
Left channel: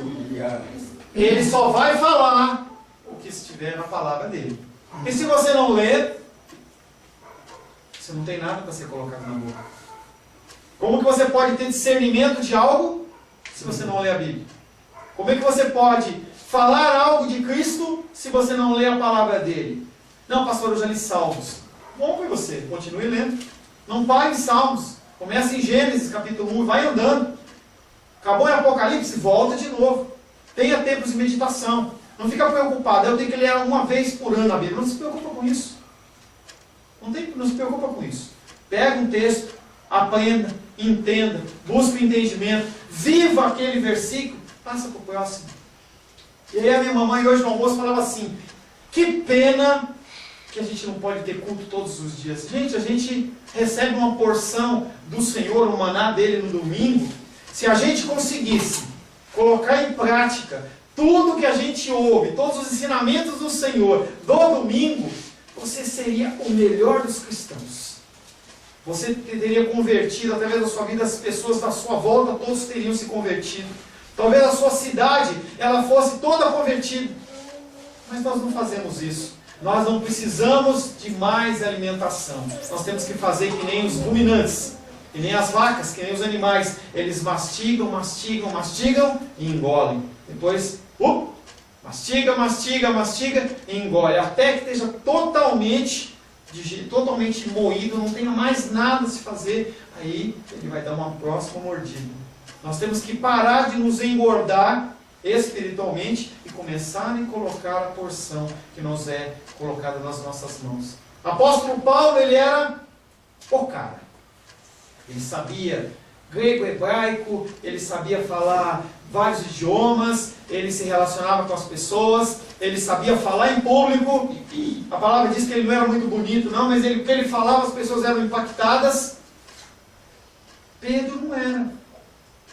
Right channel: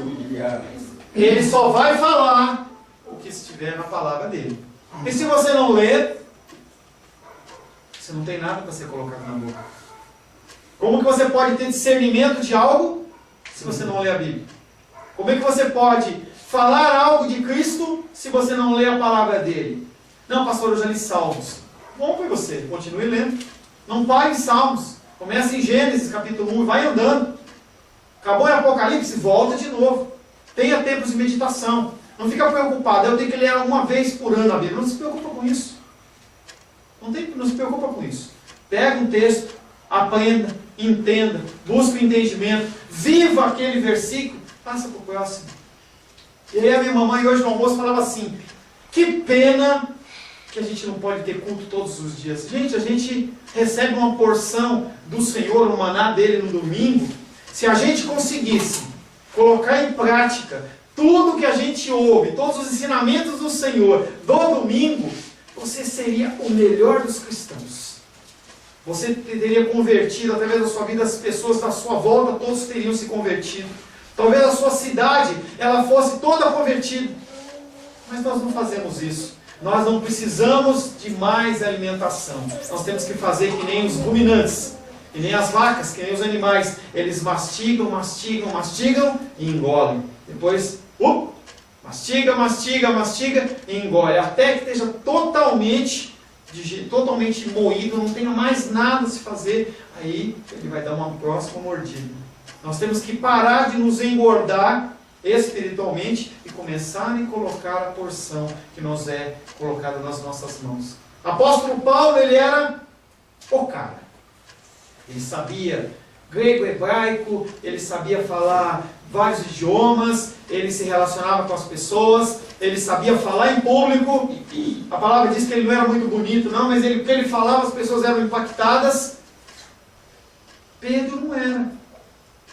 ele só vai falar o que estiver na palavra dele. E se você não ler, você não tem nada para ser colocado na boca. Como que você pode ter discernimento de algo se você não lê a Bíblia? Como é que você pode falar algo de Cristo se você não lê a palavra dele? Não, pastor, eu já li Salmos. Bom para você, continue lendo. Não pare em Salmos. Começa em Gênesis capítulo 1 e vai andando. Acabou em Apocalipse, volta de novo. Tenha tempos de meditação. Não fica preocupado, eu tenho que ler uma vez por ano a Bíblia. Não se preocupa com isso. Não se preocupa com isso. Pega um texto, aprenda, entenda, busque o entendimento, viva aquele versículo, passa para o próximo. E aí a minha mamãe hoje no almoço falava assim: que pena que a gente não pode ter culto todos os dias. Gente, a gente recebe uma porção do Senhor, o maná dele no domingo. Se a gente conseguisse colocar em prática tudo que a gente ouve, todos os ensinamentos do Senhor do domingo, você seria o melhor dos cristãos. Você teria convertido, através da sua vida, as pessoas da sua volta, todos teriam se convertido. Talvez a sua cidade, ela fosse toda convertida. Mas nós não fazemos isso. Nós não precisamos de mais alimentação. Nós temos que fazer que nem os ruminantes, que nem as vacas, que nem os animais. Eles mastigam, mastigam, mastigam e engolem. Depois, mastiga, mastiga, mastiga e engole. Até que esteja totalmente moído, não tenha mais nada a se fazer. Aí ele vai dar uma próxima mordida. Nós temos que parar de nos engordar espiritualmente e começar a colocar a porção que nos é colocada nas nossas mãos. Apóstolo Paulo, ele era o cara. Ele sabia grego, hebraico, ele sabia falar vários idiomas, ele se relacionava com as pessoas, ele sabia falar em público. A palavra diz que ele não era muito bonito, não, mas o que ele falava, as pessoas eram impactadas. Pedro não era.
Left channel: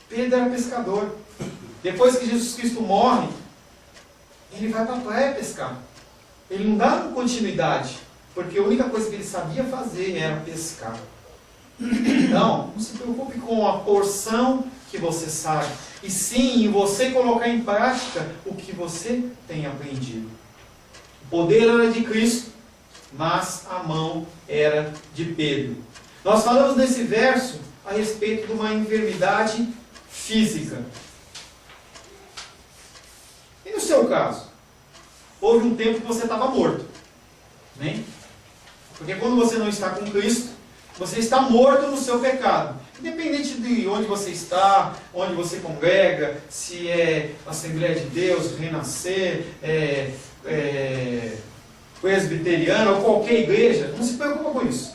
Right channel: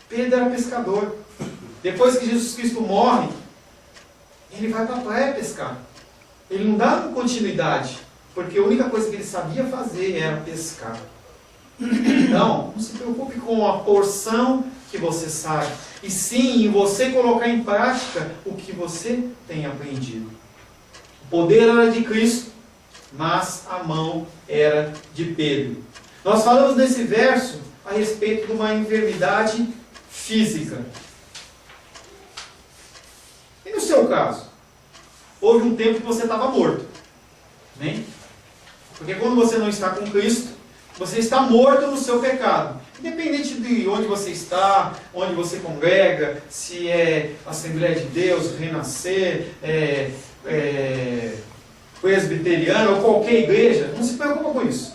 Pedro era pescador. Depois que Jesus Cristo morre, ele vai para a praia pescar. Ele não dá continuidade, porque a única coisa que ele sabia fazer era pescar. Então, não se preocupe com a porção que você sabe, e sim em você colocar em prática o que você tem aprendido. O poder era de Cristo, mas a mão era de Pedro. Nós falamos nesse verso a respeito de uma enfermidade física. seu caso, houve um tempo que você estava morto. Amém? Porque quando você não está com Cristo, você está morto no seu pecado. Independente de onde você está, onde você congrega, se é Assembleia de Deus, Renascer, presbiteriana ou qualquer igreja, não se preocupa com isso.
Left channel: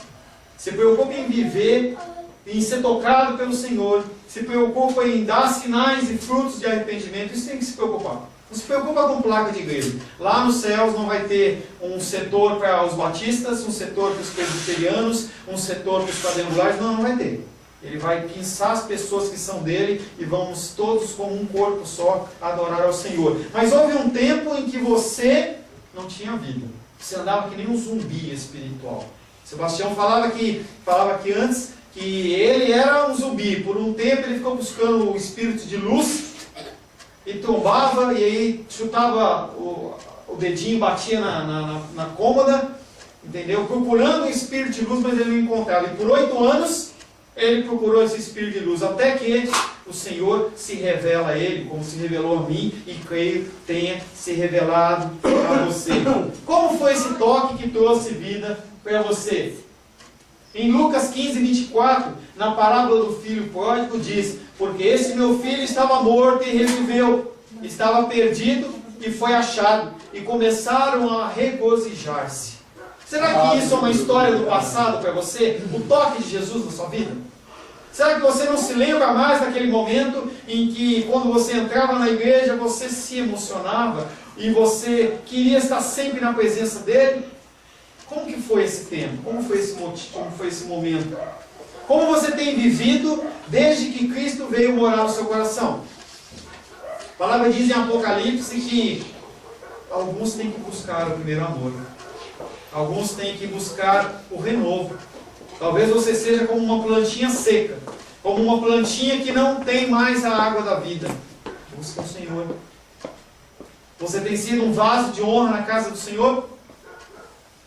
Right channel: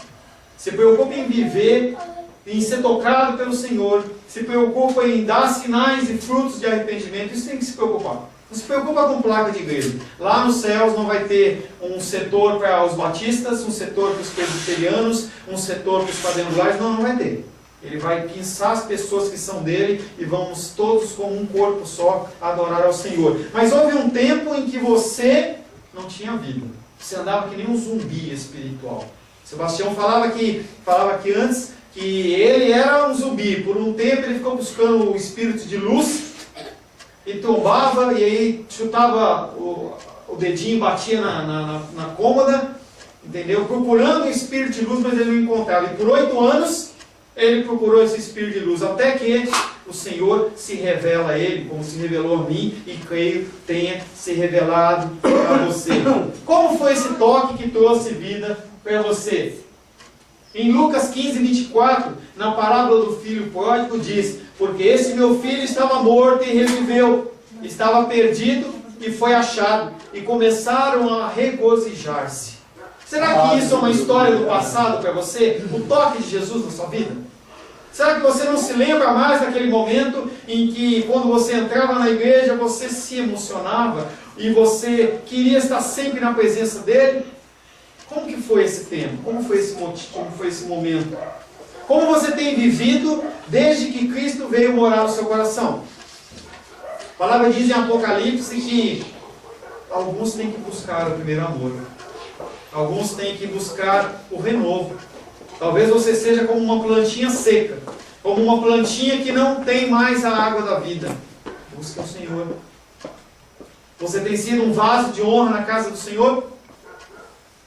Se preocupa em viver, em ser tocado pelo Senhor, se preocupa em dar sinais e frutos de arrependimento. Isso tem que se preocupar. Não se preocupa com placa de igreja. Lá nos céus não vai ter um setor para os batistas, um setor para os presbiterianos, um setor para os quadrangulares. Não vai ter. Ele vai pinçar as pessoas que são dele e vamos todos como um corpo só adorar ao Senhor. Mas houve um tempo em que você não tinha vida. Você andava que nem um zumbi espiritual. Sebastião falava que antes que ele era um zumbi. Por um tempo ele ficou buscando o espírito de luz e tombava, e aí chutava o dedinho, batia na cômoda, entendeu? Procurando o espírito de luz, mas ele não encontrava. E por 8 anos ele procurou esse espírito de luz, até que o Senhor se revela a ele, como se revelou a mim, e creio tenha se revelado a você. Como foi esse toque que trouxe vida para você? Em Lucas 15, 24, na parábola do filho pródigo, diz: porque esse meu filho estava morto e reviveu, estava perdido e foi achado, e começaram a regozijar-se. Será que isso é uma história do passado para você? O toque de Jesus na sua vida? Será que você não se lembra mais daquele momento em que, quando você entrava na igreja, você se emocionava e você queria estar sempre na presença dele? Como que foi esse tempo? Como foi esse motivo? Como foi esse momento? Como você tem vivido desde que Cristo veio morar no seu coração? A palavra diz em Apocalipse que alguns têm que buscar o primeiro amor. Alguns têm que buscar o renovo. Talvez você seja como uma plantinha seca, como uma plantinha que não tem mais a água da vida. Busque o Senhor. Você tem sido um vaso de honra na casa do Senhor?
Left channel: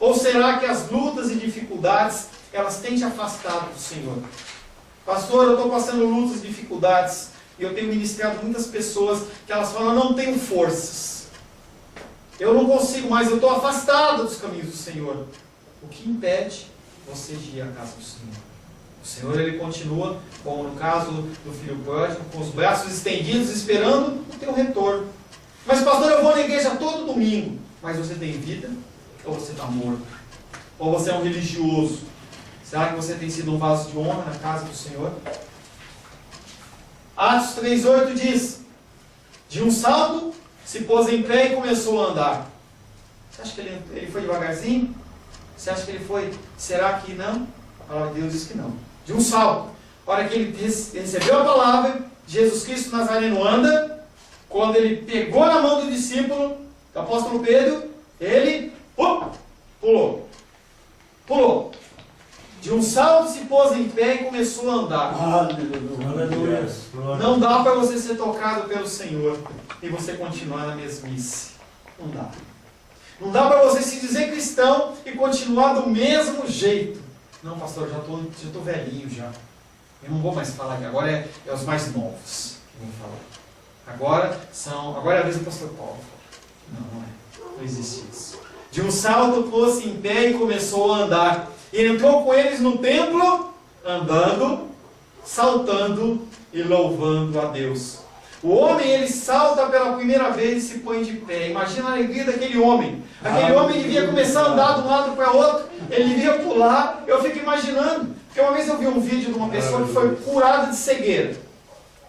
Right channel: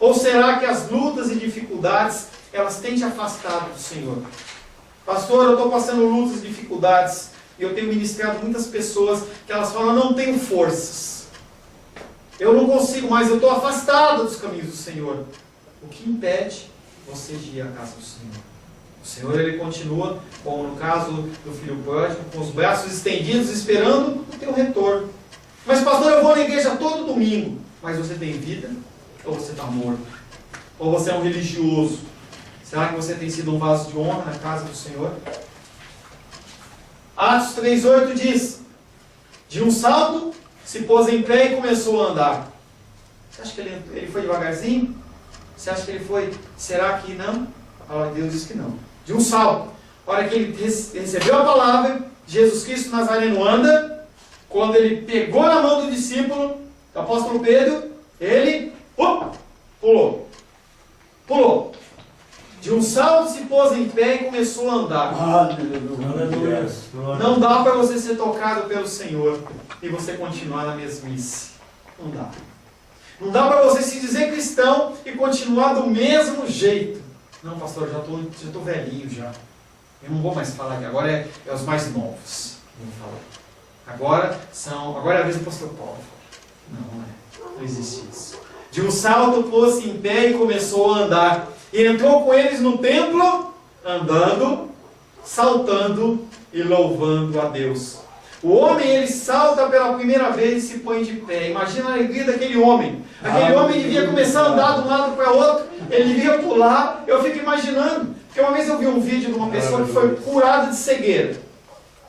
Ou será que as lutas e dificuldades, elas têm te afastado do Senhor? Pastor, eu estou passando lutas e dificuldades, e eu tenho ministrado muitas pessoas que elas falam: não tenho forças, eu não consigo mais, eu estou afastado dos caminhos do Senhor. O que impede você de ir à casa do Senhor? O Senhor, ele continua, como no caso do filho pródigo, com os braços estendidos, esperando o teu retorno. Mas pastor, eu vou na igreja todo domingo. Mas você tem vida? Ou você está morto? Ou você é um religioso? Será que você tem sido um vaso de honra na casa do Senhor? Atos 3,8 diz: de um salto se pôs em pé e começou a andar. Você acha que ele foi devagarzinho? Você acha que ele foi? Será que não? A palavra de Deus diz que não. De um salto. A hora que ele recebeu a palavra, Jesus Cristo Nazareno anda. Quando ele pegou na mão do discípulo, do apóstolo Pedro, ele pulou. De um salto se pôs em pé e começou a andar. Aleluia. Não dá para você ser tocado pelo Senhor e você continuar na mesmice. Não dá. Não dá para você se dizer cristão e continuar do mesmo jeito. Não, pastor, já estou velhinho já. Eu não vou mais falar aqui. Agora é os mais novos que vão falar. Agora é a vez do pastor Paulo. Não existe isso. De um salto pôs-se em pé e começou a andar. E entrou com eles no templo, andando, saltando e louvando a Deus. O homem, ele salta pela primeira vez e se põe de pé. Imagina a alegria daquele homem. Aquele homem devia começar a andar de um lado para o outro. Ele devia pular. Eu fico imaginando. Porque uma vez eu vi um vídeo de uma pessoa que foi curada de cegueira.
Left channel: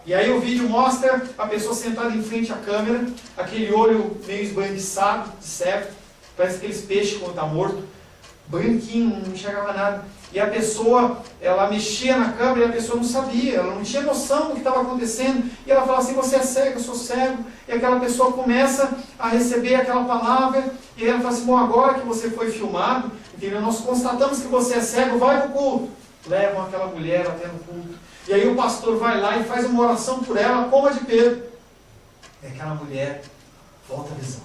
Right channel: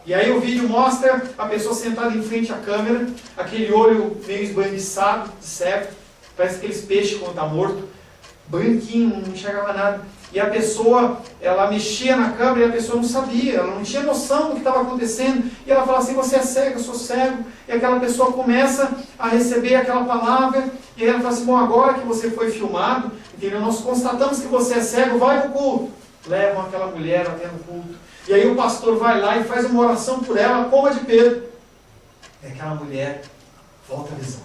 E aí o vídeo mostra a pessoa sentada em frente à câmera, aquele olho meio esbranquiçado, de cego, parece aqueles peixes quando está morto, branquinho, não enxergava nada. E a pessoa, ela mexia na câmera e a pessoa não sabia, ela não tinha noção do que estava acontecendo. E ela fala assim: você é cego, eu sou cego. E aquela pessoa começa a receber aquela palavra, e ela fala assim: bom, agora que você foi filmado, entendeu? Nós constatamos que você é cego, vai para o culto. Levam aquela mulher até no culto. E aí o pastor vai lá e faz uma oração por ela, como a de Pedro. E aquela mulher volta a visão.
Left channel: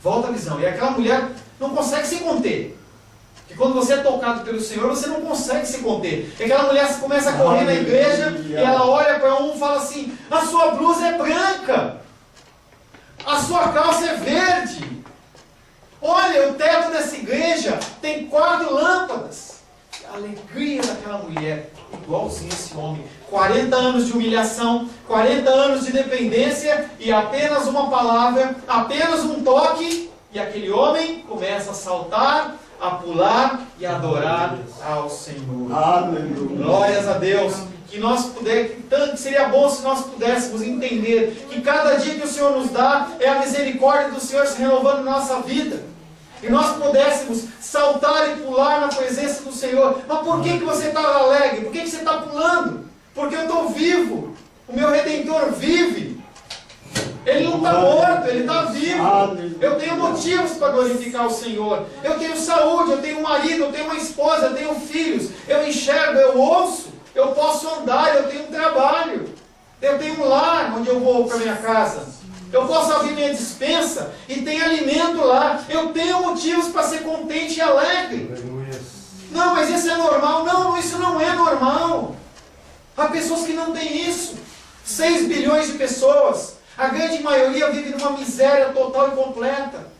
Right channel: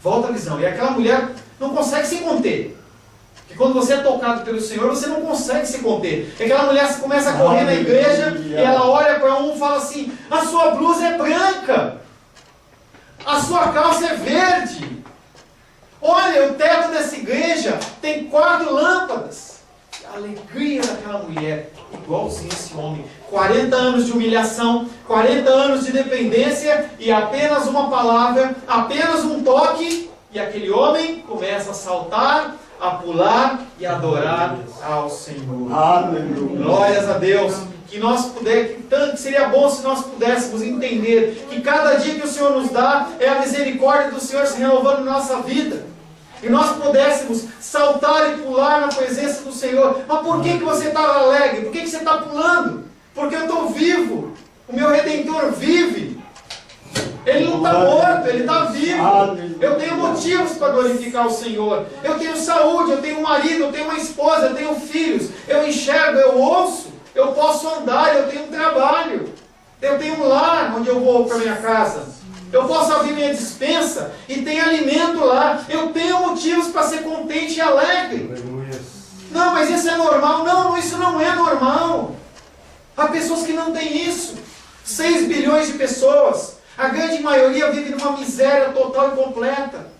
Volta a visão. E aquela mulher não consegue se conter. Porque quando você é tocado pelo Senhor, você não consegue se conter. E aquela mulher começa a correr na igreja e ela olha para um e fala assim: a sua blusa é branca. a sua calça é verde. Olha, o teto dessa igreja tem 4 lâmpadas. A alegria daquela mulher, igualzinho esse homem. 40 anos de humilhação, 40 anos de dependência e apenas uma palavra, apenas um toque, e aquele homem começa a saltar, a pular e a adorar ao Senhor. Aleluia. Glórias a Deus. Que seria bom se nós pudéssemos entender que cada dia que o Senhor nos dá é a misericórdia do Senhor se renovando na nossa vida. E nós pudéssemos saltar e pular na presença do Senhor. Mas por que você está alegre? Por que você está pulando? Porque eu estou vivo. O meu Redentor vive. Ele não está morto, ele está vivo. Eu tenho motivos para glorificar o Senhor. Eu tenho saúde, eu tenho um marido, eu tenho uma esposa, eu tenho filhos. Eu enxergo, eu ouço, eu posso andar, eu tenho um trabalho. Eu tenho um lar onde eu vou para minha casa. Eu posso abrir minha despensa e tem alimento lá. Eu tenho motivos para ser contente e alegre. Não, mas isso é normal. Não, isso não é normal. Há pessoas que não têm isso. 6 bilhões de pessoas. A grande maioria vive numa miséria total e completa.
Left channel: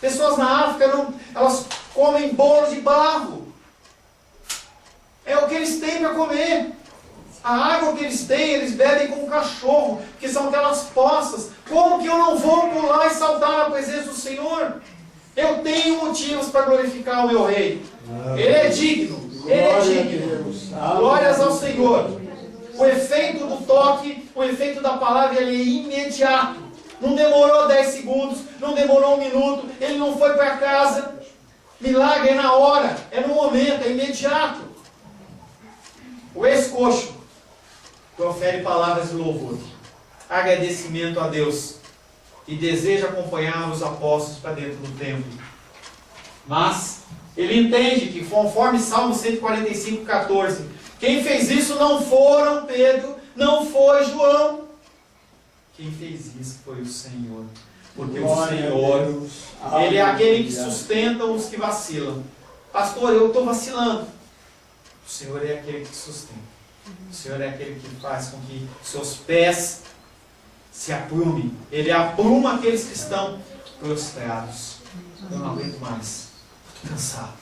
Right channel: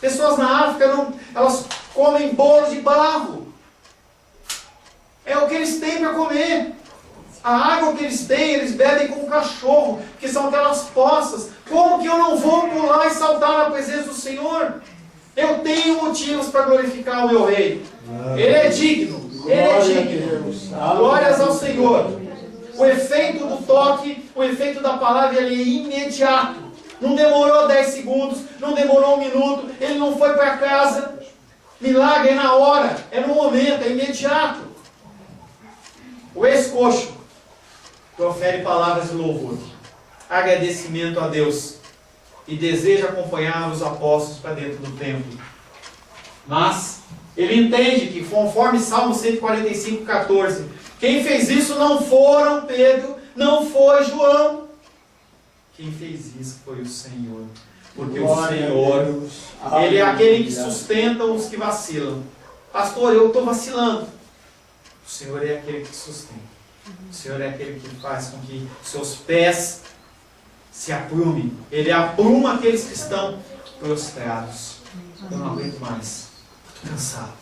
Pessoas na África, elas comem bolo de barro. É o que eles têm para comer. A água que eles têm, eles bebem como cachorro, que são aquelas poças. Como que eu não vou pular e saltar na presença do Senhor? Eu tenho motivos para glorificar o meu Rei. Ele é digno. Ele é digno. Glórias ao Senhor. O efeito do toque, o efeito da palavra, ele é imediato. Não demorou 10 segundos, não demorou 1 minuto, ele não foi para casa. Milagre é na hora, é no momento, é imediato. O ex-coxo profere palavras de louvor, agradecimento a Deus e deseja acompanhar os apóstolos para dentro do templo. Mas ele entende que, conforme Salmo 145:14, quem fez isso não foram Pedro, não foi João. Quem fez isso foi o Senhor. Porque o Senhor, Ele é aquele que sustenta os que vacilam. Pastor, eu estou vacilando. O Senhor é aquele que sustenta. O Senhor é aquele que faz com que seus pés se aprumem. Ele apruma aqueles que estão prostrados. Eu não aguento mais. Estou cansado.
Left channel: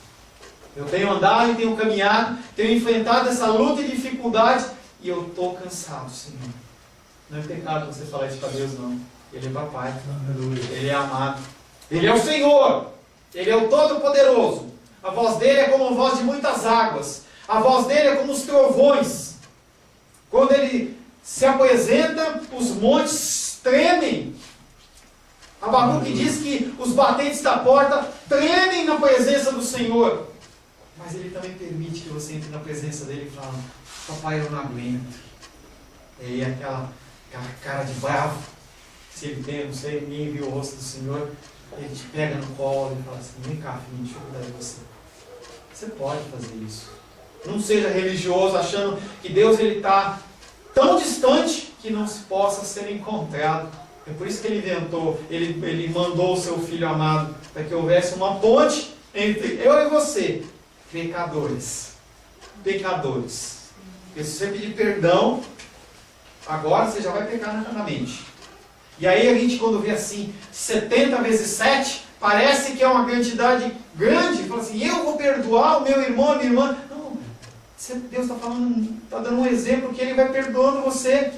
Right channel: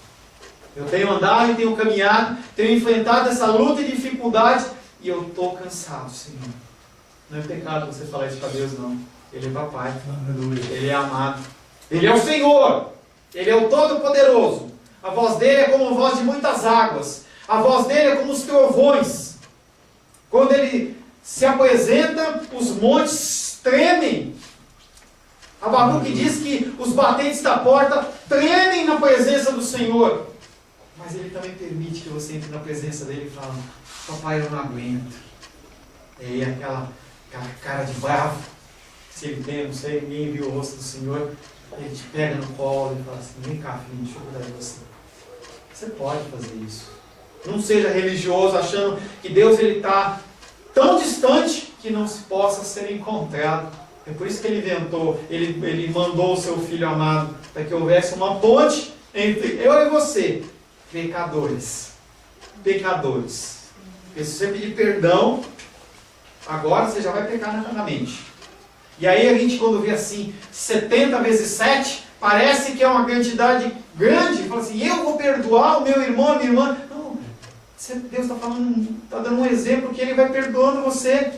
Eu tenho andado e tenho caminhado, tenho enfrentado essa luta e dificuldade e eu estou cansado, Senhor. Não é pecado você falar isso para Deus, não. Ele é papai. Ele é amado. Ele é o Senhor. Ele é o Todo-Poderoso. A voz dele é como a voz de muitas águas. A voz dele é como os trovões. Quando ele se apresenta, os montes tremem. Abacuque diz que os batentes da porta tremem na presença do Senhor. Mas ele também permite que você entre na presença dele e fale: papai, eu não aguento. E aí aquela cara de bravo, se ele tem, não sei, ninguém viu o rosto do Senhor, ele te pega no colo e fala assim: vem cá, filho, deixa eu cuidar de você. Você pode fazer isso. Não seja religioso achando que Deus está tão distante que não se possa ser encontrado. É por isso que ele inventou, ele mandou o seu Filho amado, para que houvesse uma ponte entre eu e você, pecadores. Pecadores. Porque se você pedir perdão, agora você já vai pecar na mente. E aí a gente, quando vê assim, 70 vezes 7, parece que é uma quantidade grande. Fala assim: eu vou perdoar o meu irmão, a minha irmã. Não, Deus está falando, está dando um exemplo que Ele vai perdoando você.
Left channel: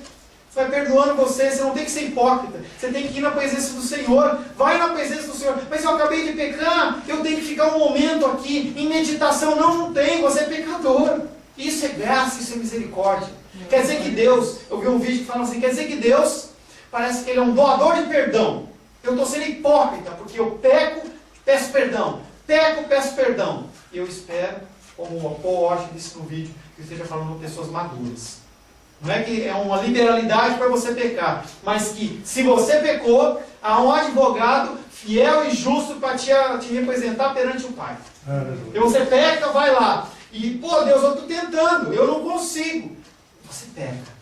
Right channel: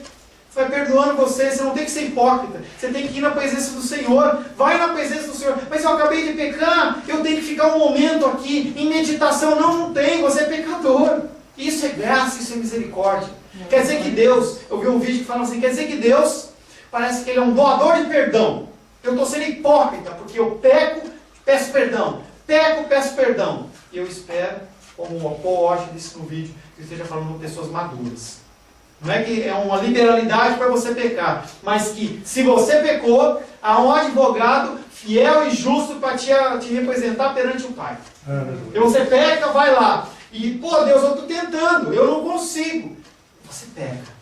Vai perdoando você. Você não tem que ser hipócrita. Você tem que ir na presença do Senhor. Vai na presença do Senhor. Mas eu acabei de pecar, eu tenho que ficar um momento aqui em meditação. Não tem, você é pecador. Isso é graça, isso é misericórdia. Quer dizer que Deus, eu vi um vídeo que fala assim, quer dizer que Deus parece que Ele é um doador de perdão. Eu estou sendo hipócrita, porque eu peco, peço perdão. Peco, peço perdão. E eu espero, como o Paul Washer disse no vídeo, que eu esteja falando com pessoas maduras. Não é que é uma liberalidade para você pecar, mas que se você pecou, há um advogado fiel e justo para te representar perante o Pai. E você peca, vai lá. E, pô, Deus, eu estou tentando, eu não consigo. Você peca.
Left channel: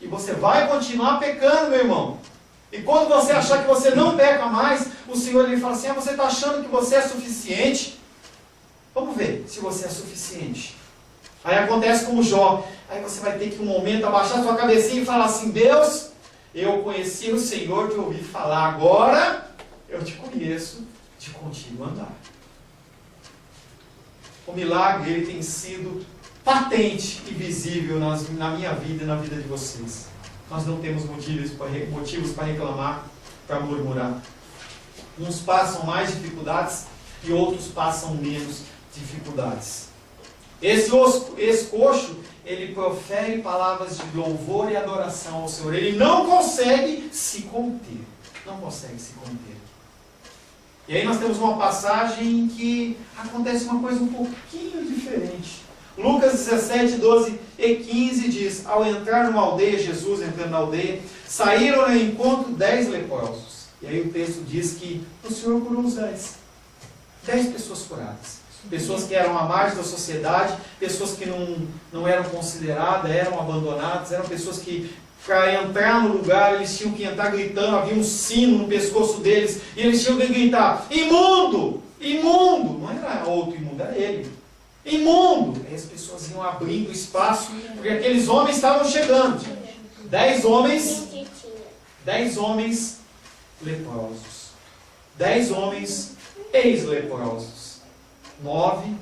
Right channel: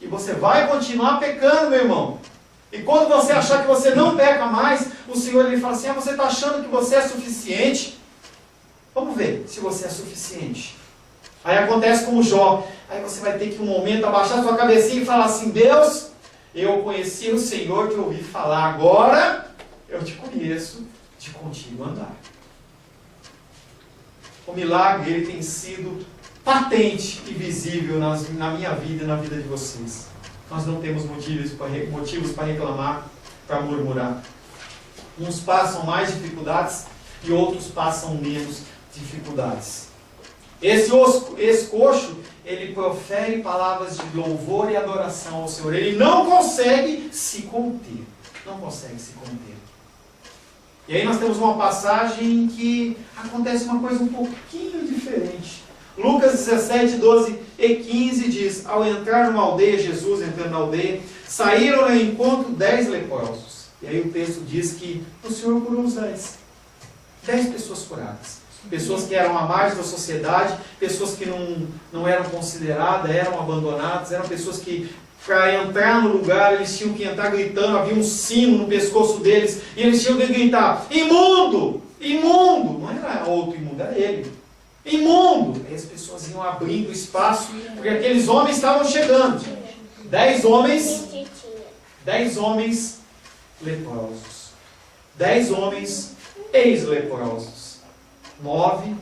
E você vai continuar pecando, meu irmão. E quando você achar que você não peca mais, o Senhor ele fala assim: você está achando que você é suficiente? Vamos ver se você é suficiente. Aí acontece com o Jó. Aí você vai ter que um momento abaixar sua cabecinha e falar assim: Deus, Eu conheci o Senhor, te ouvi falar, agora eu te conheço de contigo andar. O milagre, ele tem sido patente e visível na minha vida e na vida de vocês. Nós não temos motivos para reclamar, para murmurar. Uns passam mais dificuldades e outros passam menos dificuldades. Esse coxo, ele profere palavras de louvor e adoração ao Senhor. Ele não consegue se conter. Não consegue se conter. E aí nós temos uma passagem em que acontece uma coisa um pouquinho diferente. Lucas 17, 12 e 15 diz: ao entrar numa aldeia, Jesus entrando na aldeia, saíram ao encontro 10 leprosos. E aí o texto diz que o Senhor curou os 10. 10 pessoas curadas. Pessoas que eram à margem da sociedade, pessoas que não eram consideradas, eram abandonadas, eram pessoas que, para entrar no lugar, eles tinham que entrar gritando, havia um sino no pescoço deles, e eles tinham que gritar: imundo! Imundo! Não era outro imundo, era ele. Imundo! Aí as pessoas iam abrindo espaço, porque aqueles homens estavam chegando. 10 homens leprosos. 10 homens ex-leprosos. 9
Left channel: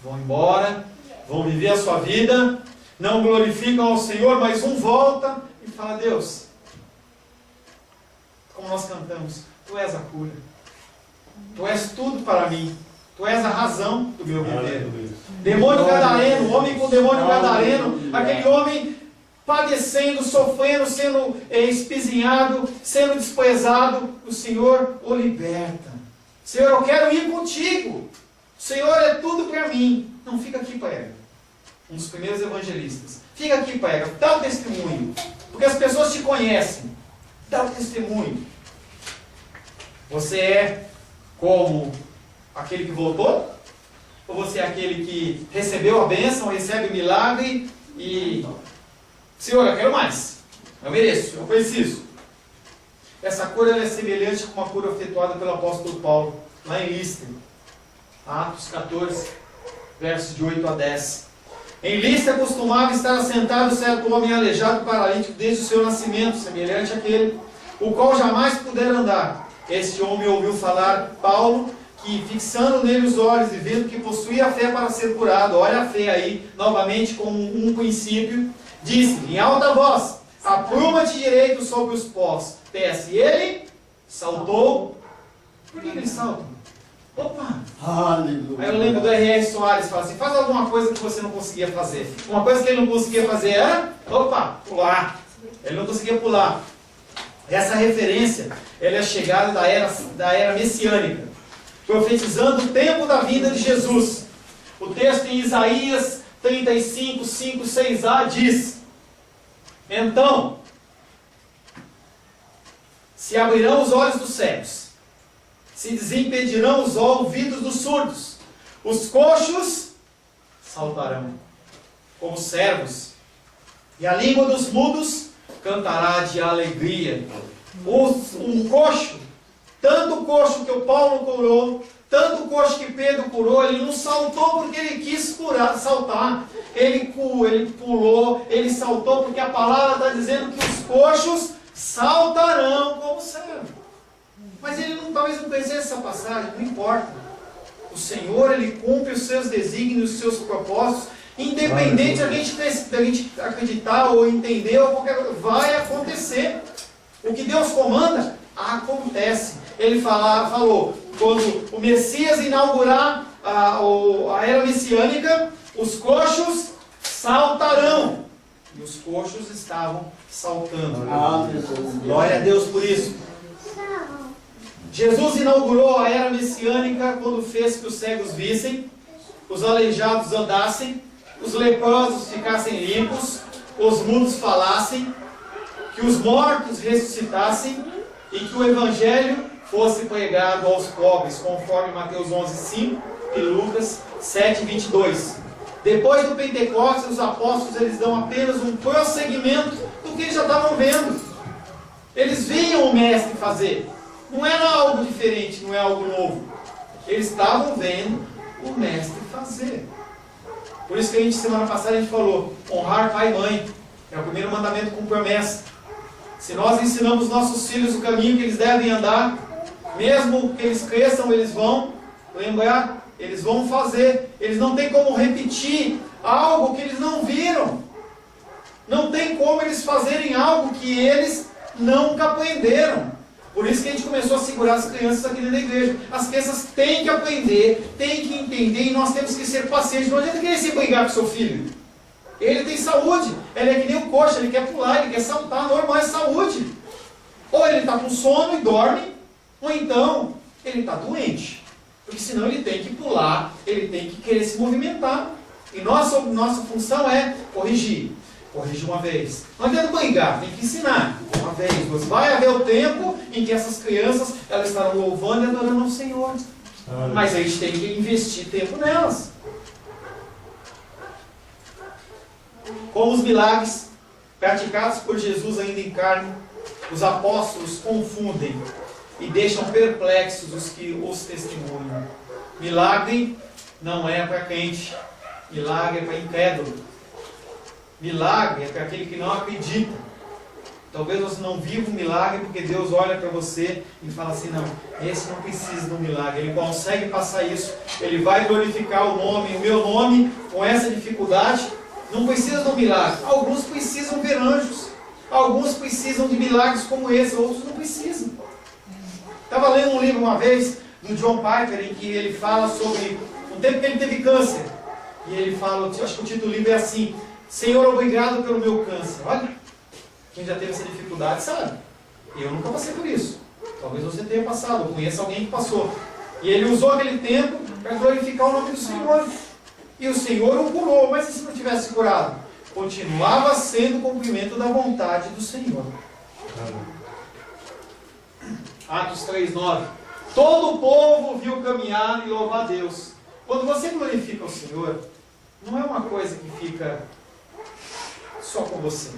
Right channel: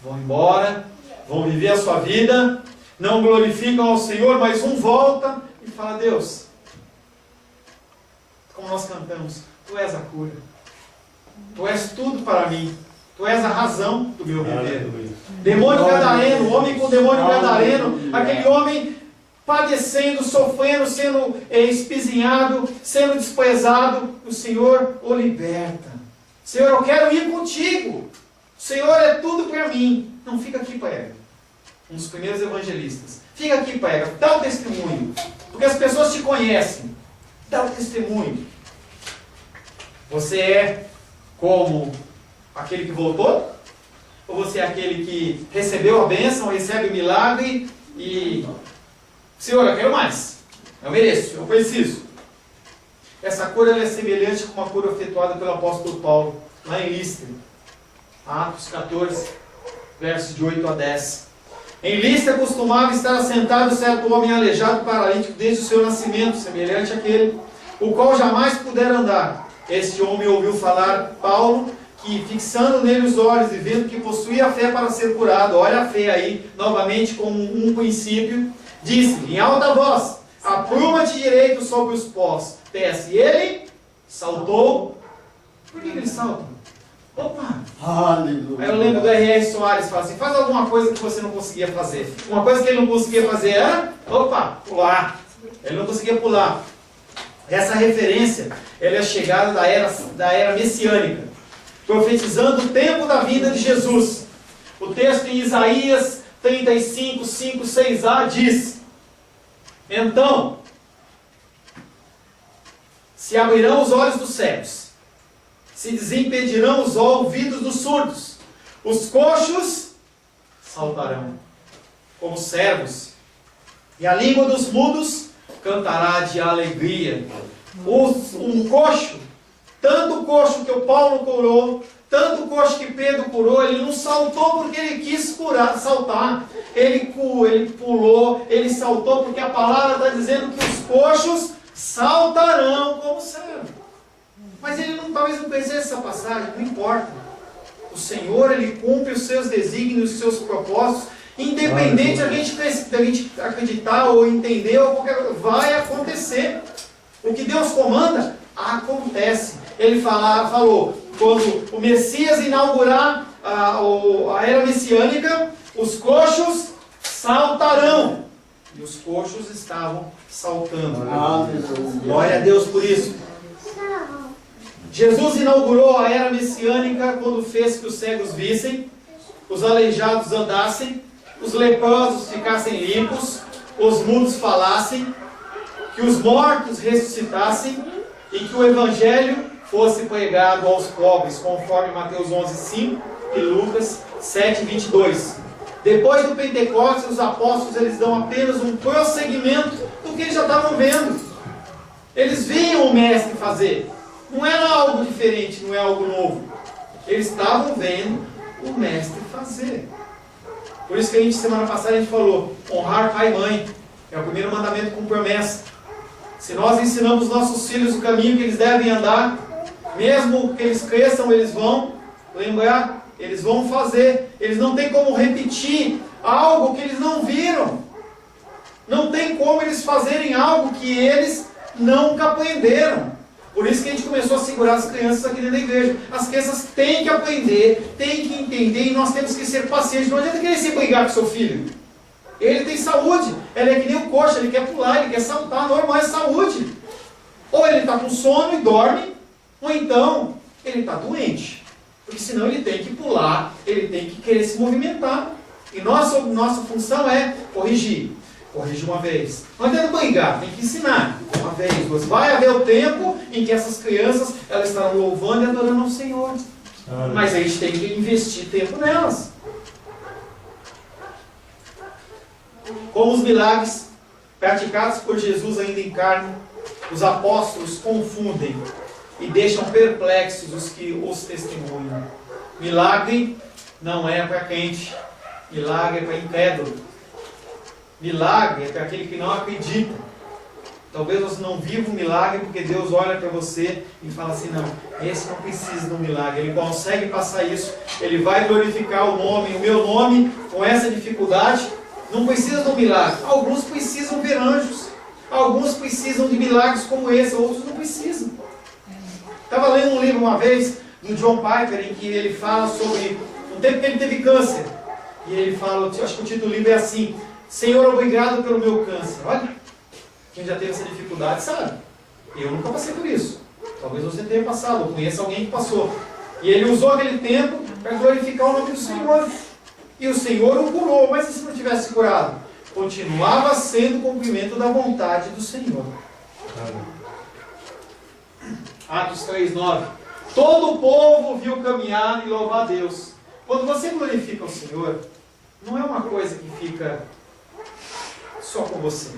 vão embora, vão viver a sua vida, não glorificam ao Senhor, mas um volta e fala: Deus, como nós cantamos, Tu és a cura, Tu és tudo para mim, Tu és a razão do meu viver. Demônio gadareno, homem com demônio gadareno, aquele homem padecendo, sofrendo, sendo espizinhado, sendo desprezado, o Senhor o liberta. Senhor, eu quero ir contigo. O Senhor é tudo para mim. Não fica aqui, prega. Um dos primeiros evangelistas. Fica aqui, prega. Dá o testemunho. Porque as pessoas te conhecem. Dá o testemunho. Você é como aquele que voltou? Ou você é aquele que recebeu a bênção, recebe o milagre e... Senhor, eu quero mais. Eu mereço, eu preciso. Essa cura ela é semelhante com uma cura efetuada pelo apóstolo Paulo, lá em Listra. Atos 14, versos de 8 a 10. Em Listra costumava estar assentado certo homem aleijado paralítico desde o seu nascimento, semelhante àquele, o qual jamais pudera andar. Este homem ouviu falar Paulo, que fixando nele os olhos e vendo que possuía a fé para ser curado, olha a fé aí, novamente como um princípio, disse em alta voz: apruma-te direito sobre os pés. E ele saltou. Por que ele salta? Opa! Aleluia. Aí eu lembro do R.R. Soares, fala assim: faz alguma coisa que você não conseguia fazer. Uma coisa que ele não conseguia fazer era, pular. Ele não conseguia pular. Essa referência, ela é a chegada da era messiânica, profetizando o tempo da vinda de Jesus. O texto em Isaías 35, 5, 6a diz: então, se abrirão os olhos dos cegos, se desimpedirão os ouvidos dos surdos, os coxos saltarão como servos, e a língua dos mudos cantará de alegria. Um coxo, tanto o coxo que o Paulo curou, tanto o coxo que Pedro curou, ele não saltou porque ele quis saltar. Ele pulou, ele saltou porque a palavra está dizendo que os coxos saltarão como servo. Mas ele talvez não conhecesse essa passagem, não importa. O Senhor, ele cumpre os seus desígnios, os seus propósitos, independente da gente acreditar ou entender, ou qualquer coisa, vai acontecer. O que Deus comanda, acontece. Ele falou, quando o Messias inaugurar a era messiânica, os coxos saltarão. E os coxos estavam saltando. Glória a Deus por isso. Jesus inaugurou a era messiânica quando fez que os cegos vissem, os aleijados andassem, os leprosos ficassem limpos, os mudos falassem, que os mortos ressuscitassem e que o Evangelho fosse pregado aos pobres, conforme Mateus 11:5 e Lucas 7:22. Depois do Pentecostes, os apóstolos eles dão apenas um prosseguimento do que eles já estavam vendo. Eles viam o Mestre fazer. Não era algo diferente, não é algo novo. Eles estavam vendo o Mestre fazer. Por isso que semana passada a gente falou, honrar pai e mãe. É o primeiro mandamento com promessa. Se nós ensinamos nossos filhos o caminho que eles devem andar, mesmo que eles cresçam, eles vão lembrar, eles vão fazer. Eles não têm como repetir algo que eles não viram. Não tem como eles fazerem algo que eles nunca aprenderam. Por isso que a gente começou a segurar as crianças aqui dentro da igreja. As crianças têm que aprender, têm que entender, e nós temos que ser pacientes. Não adianta querer se brigar com seu filho. Ele tem saúde, ele é que nem o coxa, ele quer pular, ele quer saltar, normal é saúde. Ou ele está com sono e dorme, ou então ele está doente. Porque senão ele tem que pular, ele tem que querer se movimentar. E nossa função é corrigir. Corrige uma vez. Não adianta brigar, tem que ensinar. Uma vez, duas. Vai haver o tempo em que essas crianças elas estarão louvando e adorando ao Senhor. Mas a gente tem que investir tempo nelas. Como os milagres praticados por Jesus ainda em carne, os apóstolos confundem e deixam perplexos os que os testemunham. Milagre não é para crente, milagre é para incrédulo. Milagre é para aquele que não acredita. Talvez você não viva um milagre porque Deus olha para você e fala assim, não, esse não precisa de um milagre. Ele consegue passar isso, ele vai glorificar o meu nome com essa dificuldade. Não precisa de um milagre. Alguns precisam ver anjos. Alguns precisam de milagres como esse, outros não precisam. Estava lendo um livro uma vez do John Piper em que ele fala sobre o tempo que ele teve câncer. E ele fala, acho que o título do livro é assim: Senhor, obrigado pelo meu câncer. Olha, quem já teve essa dificuldade sabe. Eu nunca passei por isso. Talvez você tenha passado, ou conheça alguém que passou. E ele usou aquele tempo para glorificar o nome do Senhor. E o Senhor o curou, mas e se não tivesse curado? Continuava sendo o cumprimento da vontade do Senhor. Atos 3:9. Todo o povo viu caminhar e louvar a Deus. Quando você glorifica o Senhor, não é uma coisa que fica só com você.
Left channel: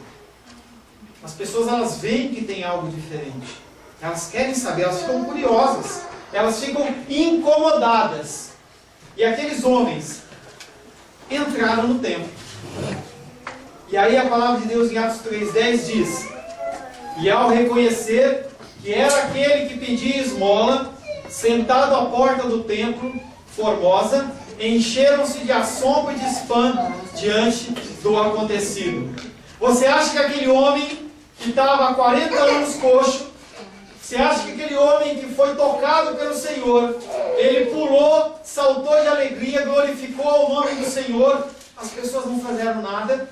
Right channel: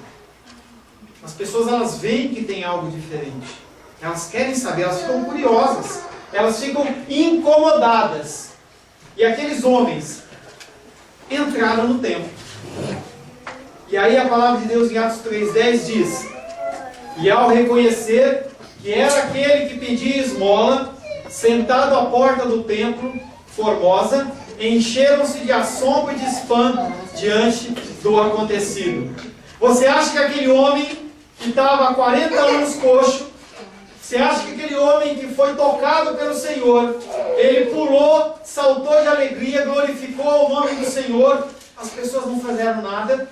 As pessoas, elas veem que tem algo diferente. Elas querem saber, elas ficam curiosas. Elas ficam incomodadas. E aqueles homens entraram no templo. E aí a palavra de Deus em Atos 3:10 diz: e ao reconhecer que era aquele que pedia esmola, sentado à porta do templo, Formosa, encheram-se de assombro e de espanto diante do acontecido. Você acha que aquele homem que estava há 40 anos coxo, você acha que aquele homem que foi tocado pelo Senhor, ele pulou, saltou de alegria, glorificou o nome do Senhor, as pessoas não fizeram nada?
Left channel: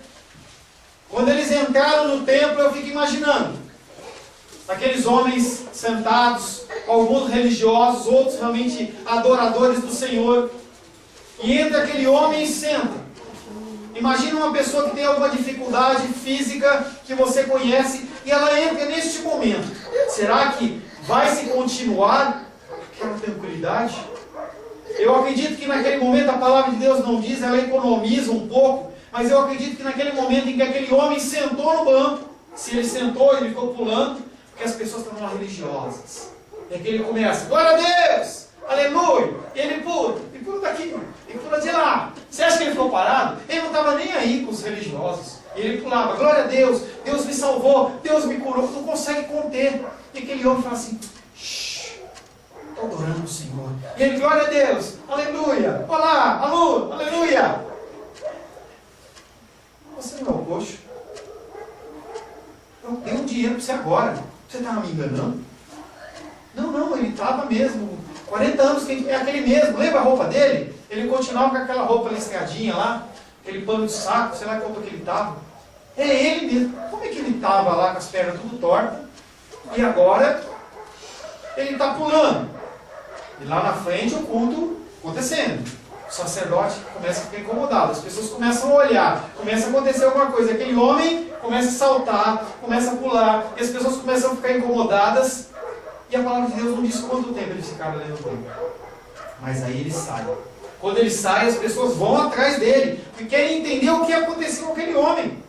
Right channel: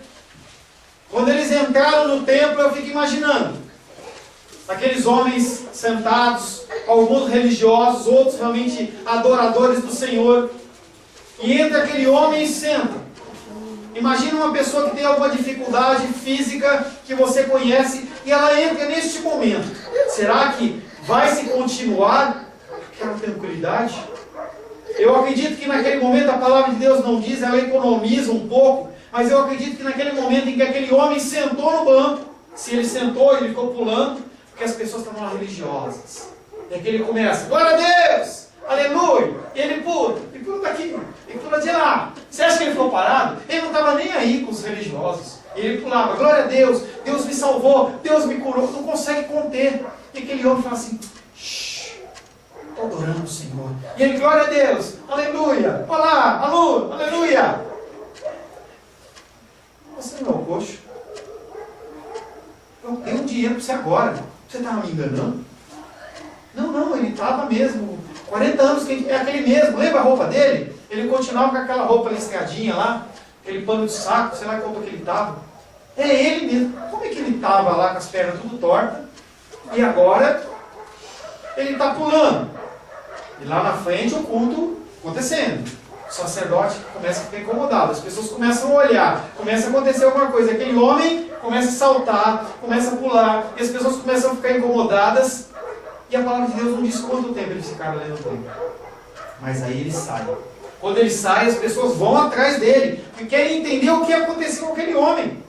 Quando eles entraram no templo, eu fico imaginando aqueles homens sentados, alguns religiosos, outros realmente adoradores do Senhor, e entra aquele homem e senta. Imagina uma pessoa que tem alguma dificuldade física que você conhece e ela entra neste momento. Será que vai se continuar aquela tranquilidade? Eu acredito que naquele momento a palavra de Deus não diz, ela economiza um pouco, mas eu acredito que naquele momento em que aquele homem sentou no banco, se ele sentou, ele ficou pulando, porque as pessoas estavam lá religiosas. E aqui ele começa, glória a Deus, aleluia, e ele pula daqui, e pula de lá. Você acha que ele ficou parado? Ele não estava nem aí com os religiosos. E ele pulava, glória a Deus, Deus me salvou, Deus me curou, não consegue conter. E aquele homem fala assim, estou adorando o Senhor. E ele, glória a Deus, aleluia, olá, alô, aleluia. Você não é o coxo? Eu dei um dinheiro para você agora. Você estava me enganando? Não, ele estava mesmo. 40 anos, é aquele mesmo. Lembra a roupa dele? Ele continuava com aquela roupa listradinha lá, aquele pano de saco, sei lá que roupa que ele estava. É ele mesmo. Como é que ele estava lá com as pernas tudo tortas? E agora ele está pulando. E lá na frente o culto acontecendo. O sacerdote começa a ficar incomodado. As pessoas começam a olhar. Começa a acontecer alguma coisa. Aquele homem começa a saltar, começa a pular. E as pessoas começam a ficar incomodadas. E a palavra de Deus não diz quanto tempo eles ficaram ali no templo. Mas aí ele sai. Quando ele sai, as pessoas vão atrás dele. Porque querem entender o que aconteceu com aquele homem.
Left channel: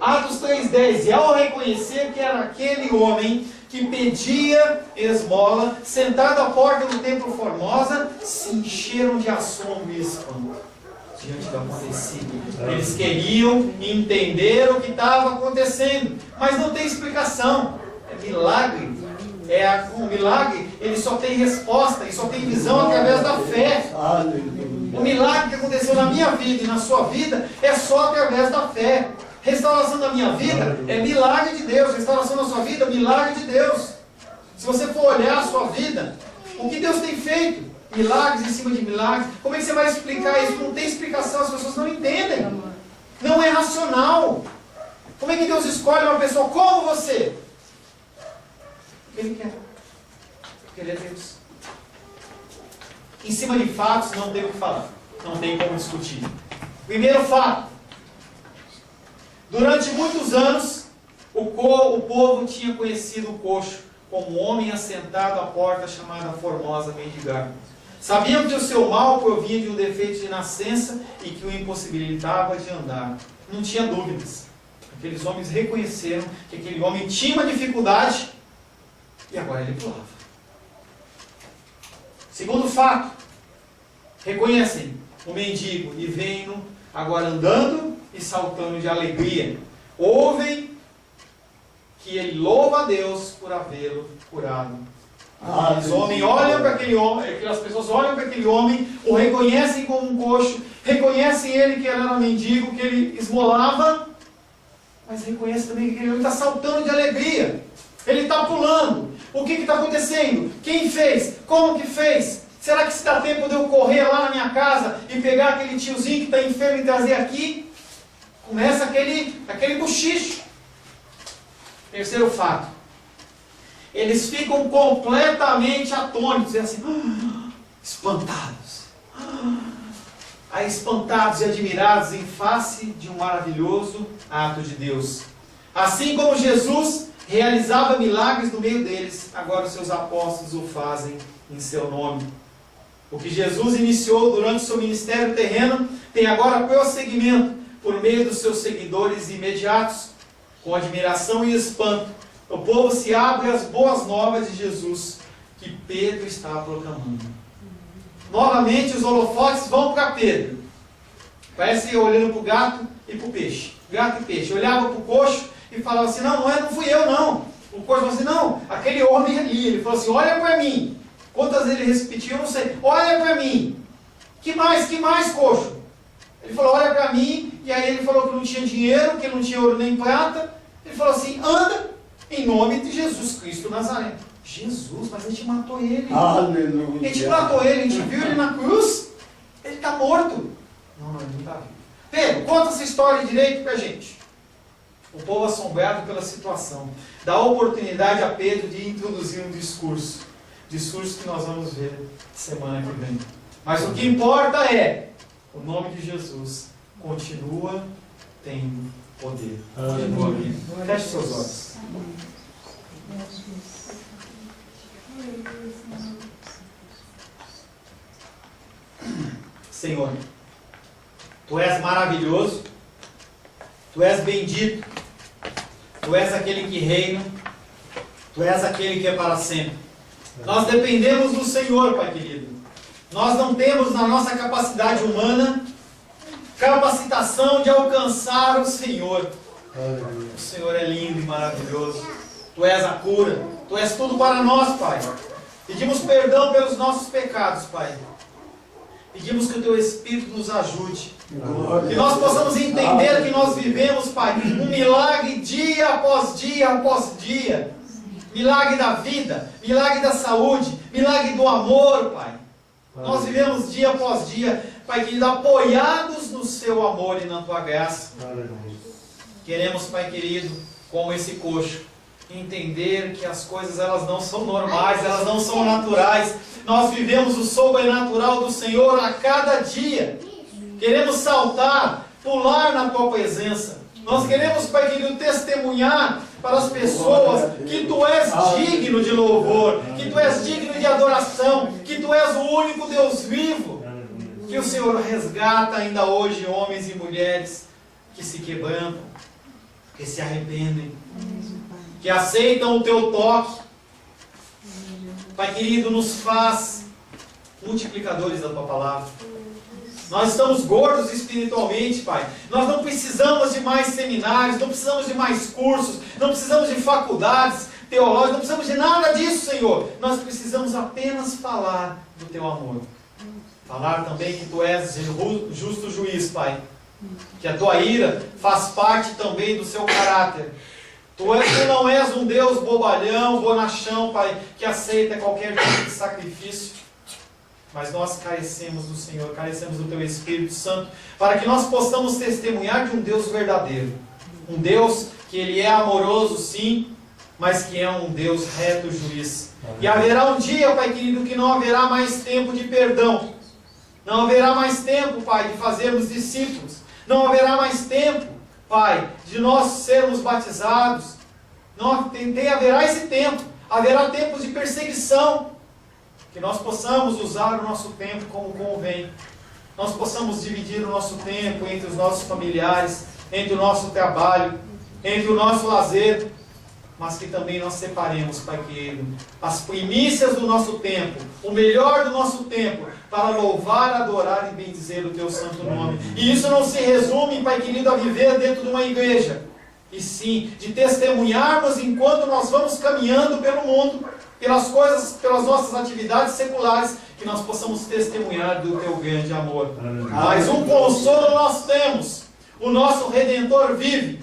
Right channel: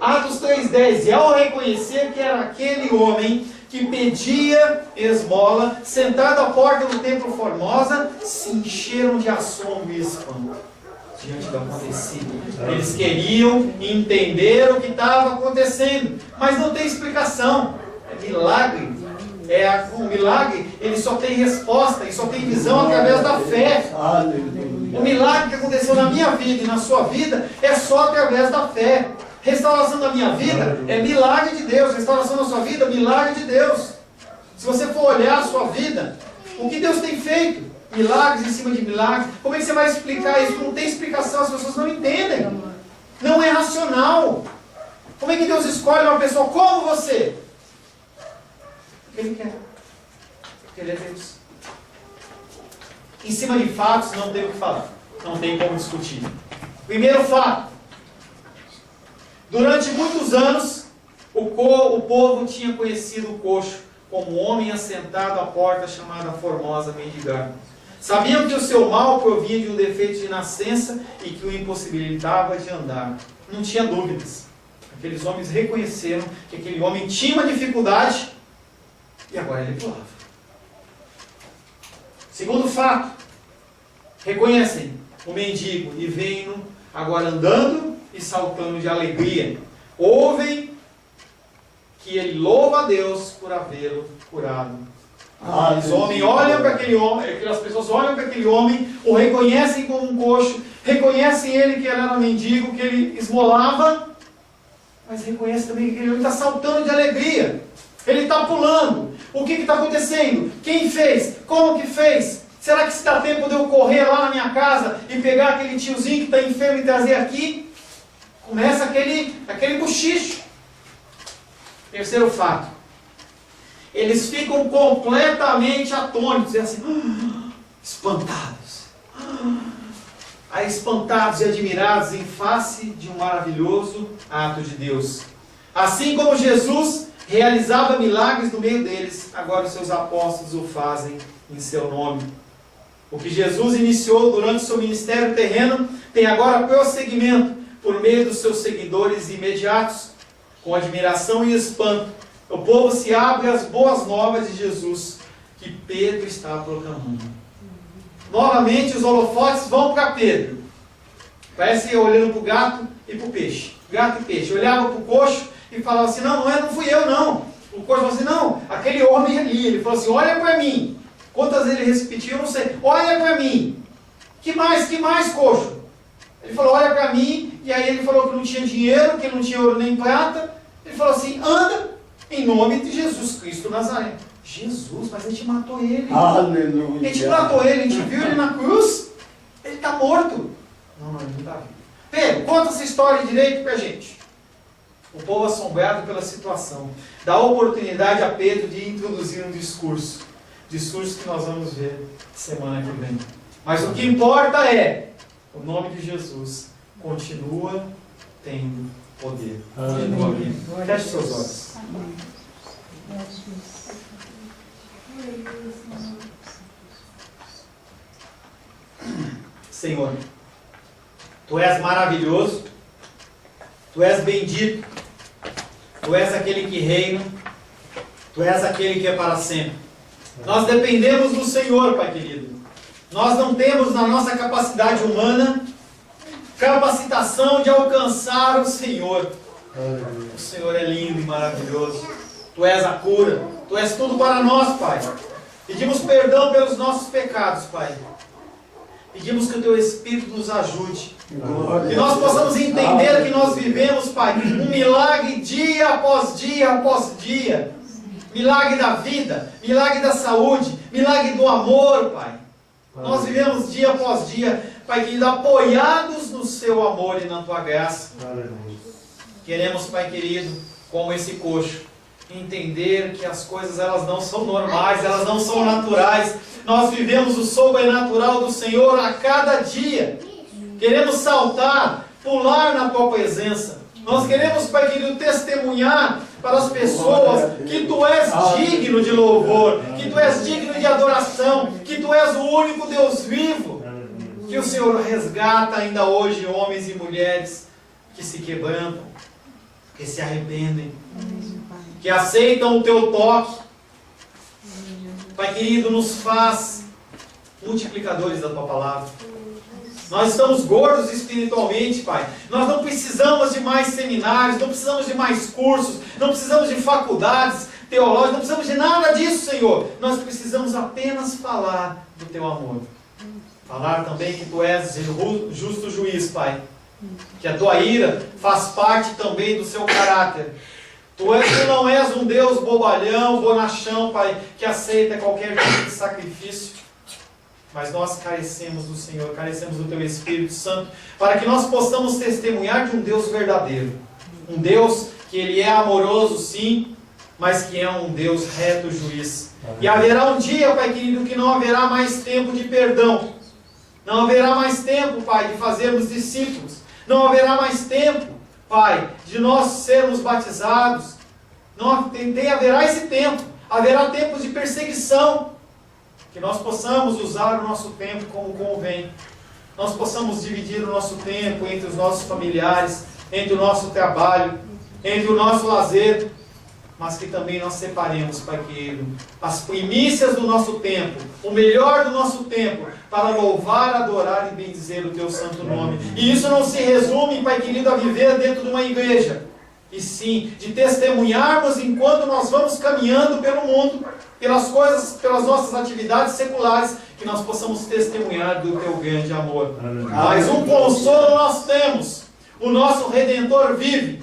Atos 3:10. E ao reconhecer que era aquele homem que pedia esmola, sentado à porta do templo Formosa, se encheram de assombro e espanto. diante do acontecido. Eles queriam entender o que estava acontecendo, mas não tem explicação. É milagre. O milagre, ele só tem resposta e só tem visão através da fé. O milagre que aconteceu na minha vida e na sua vida é só através da fé. Restauração da minha vida é milagre de Deus. Restauração da sua vida, milagre de Deus. Se você for olhar a sua vida, o que Deus tem feito? Milagres em cima de milagres. Como é que você vai explicar isso? Não tem explicação, as pessoas não entendem. Não é racional. Como é que Deus escolhe uma pessoa como você? Porque Ele quer. Porque Ele é Deus. Em cima de fatos não tem o que falar. Não tem como discutir. Primeiro fato. Durante muitos anos, o povo tinha conhecido o coxo como homem assentado à porta chamada Formosa mendigar. Sabiam que o seu mal provinha de um defeito de nascença e que o impossibilitava de andar. Não tinha dúvidas. Aqueles homens reconheceram que aquele homem tinha uma dificuldade e agora ele pulava. Segundo fato, reconhecem o mendigo e veem-no agora andando e saltando de alegria. Ouvem que ele louva a Deus por havê-lo curado. As pessoas olham para aquele homem, o reconhecem como um coxo, reconhecem ele que ele era mendigo, que ele esmolava, mas reconhecem também que aquele homem está saltando de alegria. Ele está pulando. O que está acontecendo? Quem fez? Como que fez? Será que se dá tempo de eu correr lá na minha casa e pegar aquele tiozinho que está enfermo e trazer aqui? Começa aquele bochicho. Terceiro fato. Eles ficam completamente atônitos, assim, espantados. Aí espantados e admirados em face de um maravilhoso ato de Deus. Assim como Jesus realizava milagres no meio deles, agora os seus apóstolos o fazem em seu nome. O que Jesus iniciou durante o seu ministério terreno tem agora prosseguimento por meio dos seus seguidores imediatos. Com admiração e espanto, o povo se abre às boas novas de Jesus que Pedro está proclamando. Novamente os holofotes vão para Pedro. Parece olhando para o gato e para o peixe. Gato e peixe. Olhava para o coxo e falava assim, não fui eu não. O coxo falou assim, não, aquele homem ali. Ele falou assim, olha para mim. Quantas vezes ele repetiu, eu não sei. Olha para mim. Que mais, coxo? Ele falou, olha para mim. E aí ele falou que não tinha dinheiro, que não tinha ouro nem prata. Ele falou assim, anda em nome de Jesus Cristo Nazaré. Jesus, mas a gente matou ele. Aleluia. A gente matou ele, a gente viu ele na cruz. Ele está morto. Não, ele não está vivo. Pedro, conta essa história direito para a gente. O povo assombrado pela situação dá oportunidade a Pedro de introduzir um discurso. Discurso que nós vamos ver semana que vem. Mas o que importa é, o nome de Jesus continua tendo poder. Continua vivo. Feche seus olhos. Senhor, Tu és maravilhoso, Tu és bendito, Tu és aquele que reina, Tu és aquele que é para sempre. Nós dependemos do Senhor, Pai querido. Nós não temos na nossa capacidade humana capacitação de alcançar o Senhor. O Senhor é lindo e maravilhoso. Tu és a cura. Tu és tudo para nós, Pai. Pedimos perdão pelos nossos pecados, Pai. Pedimos que o Teu Espírito nos ajude. Que nós possamos entender que nós vivemos, Pai, um milagre dia após dia após dia. Milagre da vida, milagre da saúde, milagre do amor, Pai. Nós vivemos dia após dia, Pai querido, apoiados no Seu amor e na Tua graça. Queremos, Pai querido, como esse coxo, entender que as coisas elas não são normais, elas não são naturais. Nós vivemos o sobrenatural do Senhor a cada dia. Queremos saltar, pular na Tua presença. Nós queremos, Pai querido, testemunhar para as pessoas que Tu és digno de louvor, que Tu és digno de adoração, que Tu és o único Deus vivo. Que o Senhor resgata ainda hoje homens e mulheres que se quebrantam, que se arrependem, que aceitam o Teu toque. Pai querido, nos faz multiplicadores da Tua palavra. Nós estamos gordos espiritualmente, Pai. Nós não precisamos de mais seminários, não precisamos de mais cursos, não precisamos de faculdades teológicas, não precisamos de nada disso, Senhor. Nós precisamos apenas falar do Teu amor. Falar também que Tu és justo juiz, Pai. Que a Tua ira faz parte também do Seu caráter. Tu não és um Deus bobalhão, bonachão, Pai, que aceita qualquer tipo de sacrifício. Mas nós carecemos do Senhor, carecemos do Teu Espírito Santo, para que nós possamos testemunhar de um Deus verdadeiro. Um Deus que Ele é amoroso, sim, mas que é um Deus reto juiz. E haverá um dia, Pai querido, que não haverá mais tempo de perdão. Não haverá mais tempo, Pai, de fazermos discípulos. Não haverá mais tempo, Pai, de nós sermos batizados. Não haverá esse tempo. Haverá tempos de perseguição. Que nós possamos usar o nosso tempo como convém. Nós possamos dividir o nosso tempo entre os nossos familiares, entre o nosso trabalho, entre o nosso lazer, mas que também nós separemos, Pai querido, as primícias do nosso tempo, o melhor do nosso tempo, para louvar, adorar e bendizer o Teu santo nome. E isso não se resume, Pai querido, a viver dentro de uma igreja, e sim, de testemunharmos enquanto nós vamos caminhando pelo mundo, pelas coisas, pelas nossas atividades seculares, que nós possamos testemunhar do Teu grande amor. Mas um consolo nós temos: o nosso Redentor vive.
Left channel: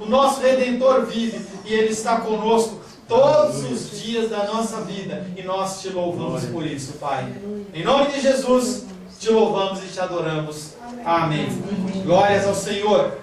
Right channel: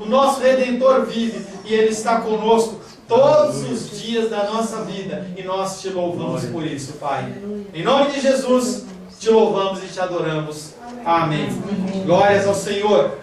O nosso Redentor vive e Ele está conosco todos os dias da nossa vida, e nós Te louvamos por isso, Pai. Em nome de Jesus, Te louvamos e Te adoramos. Amém. Glórias ao Senhor.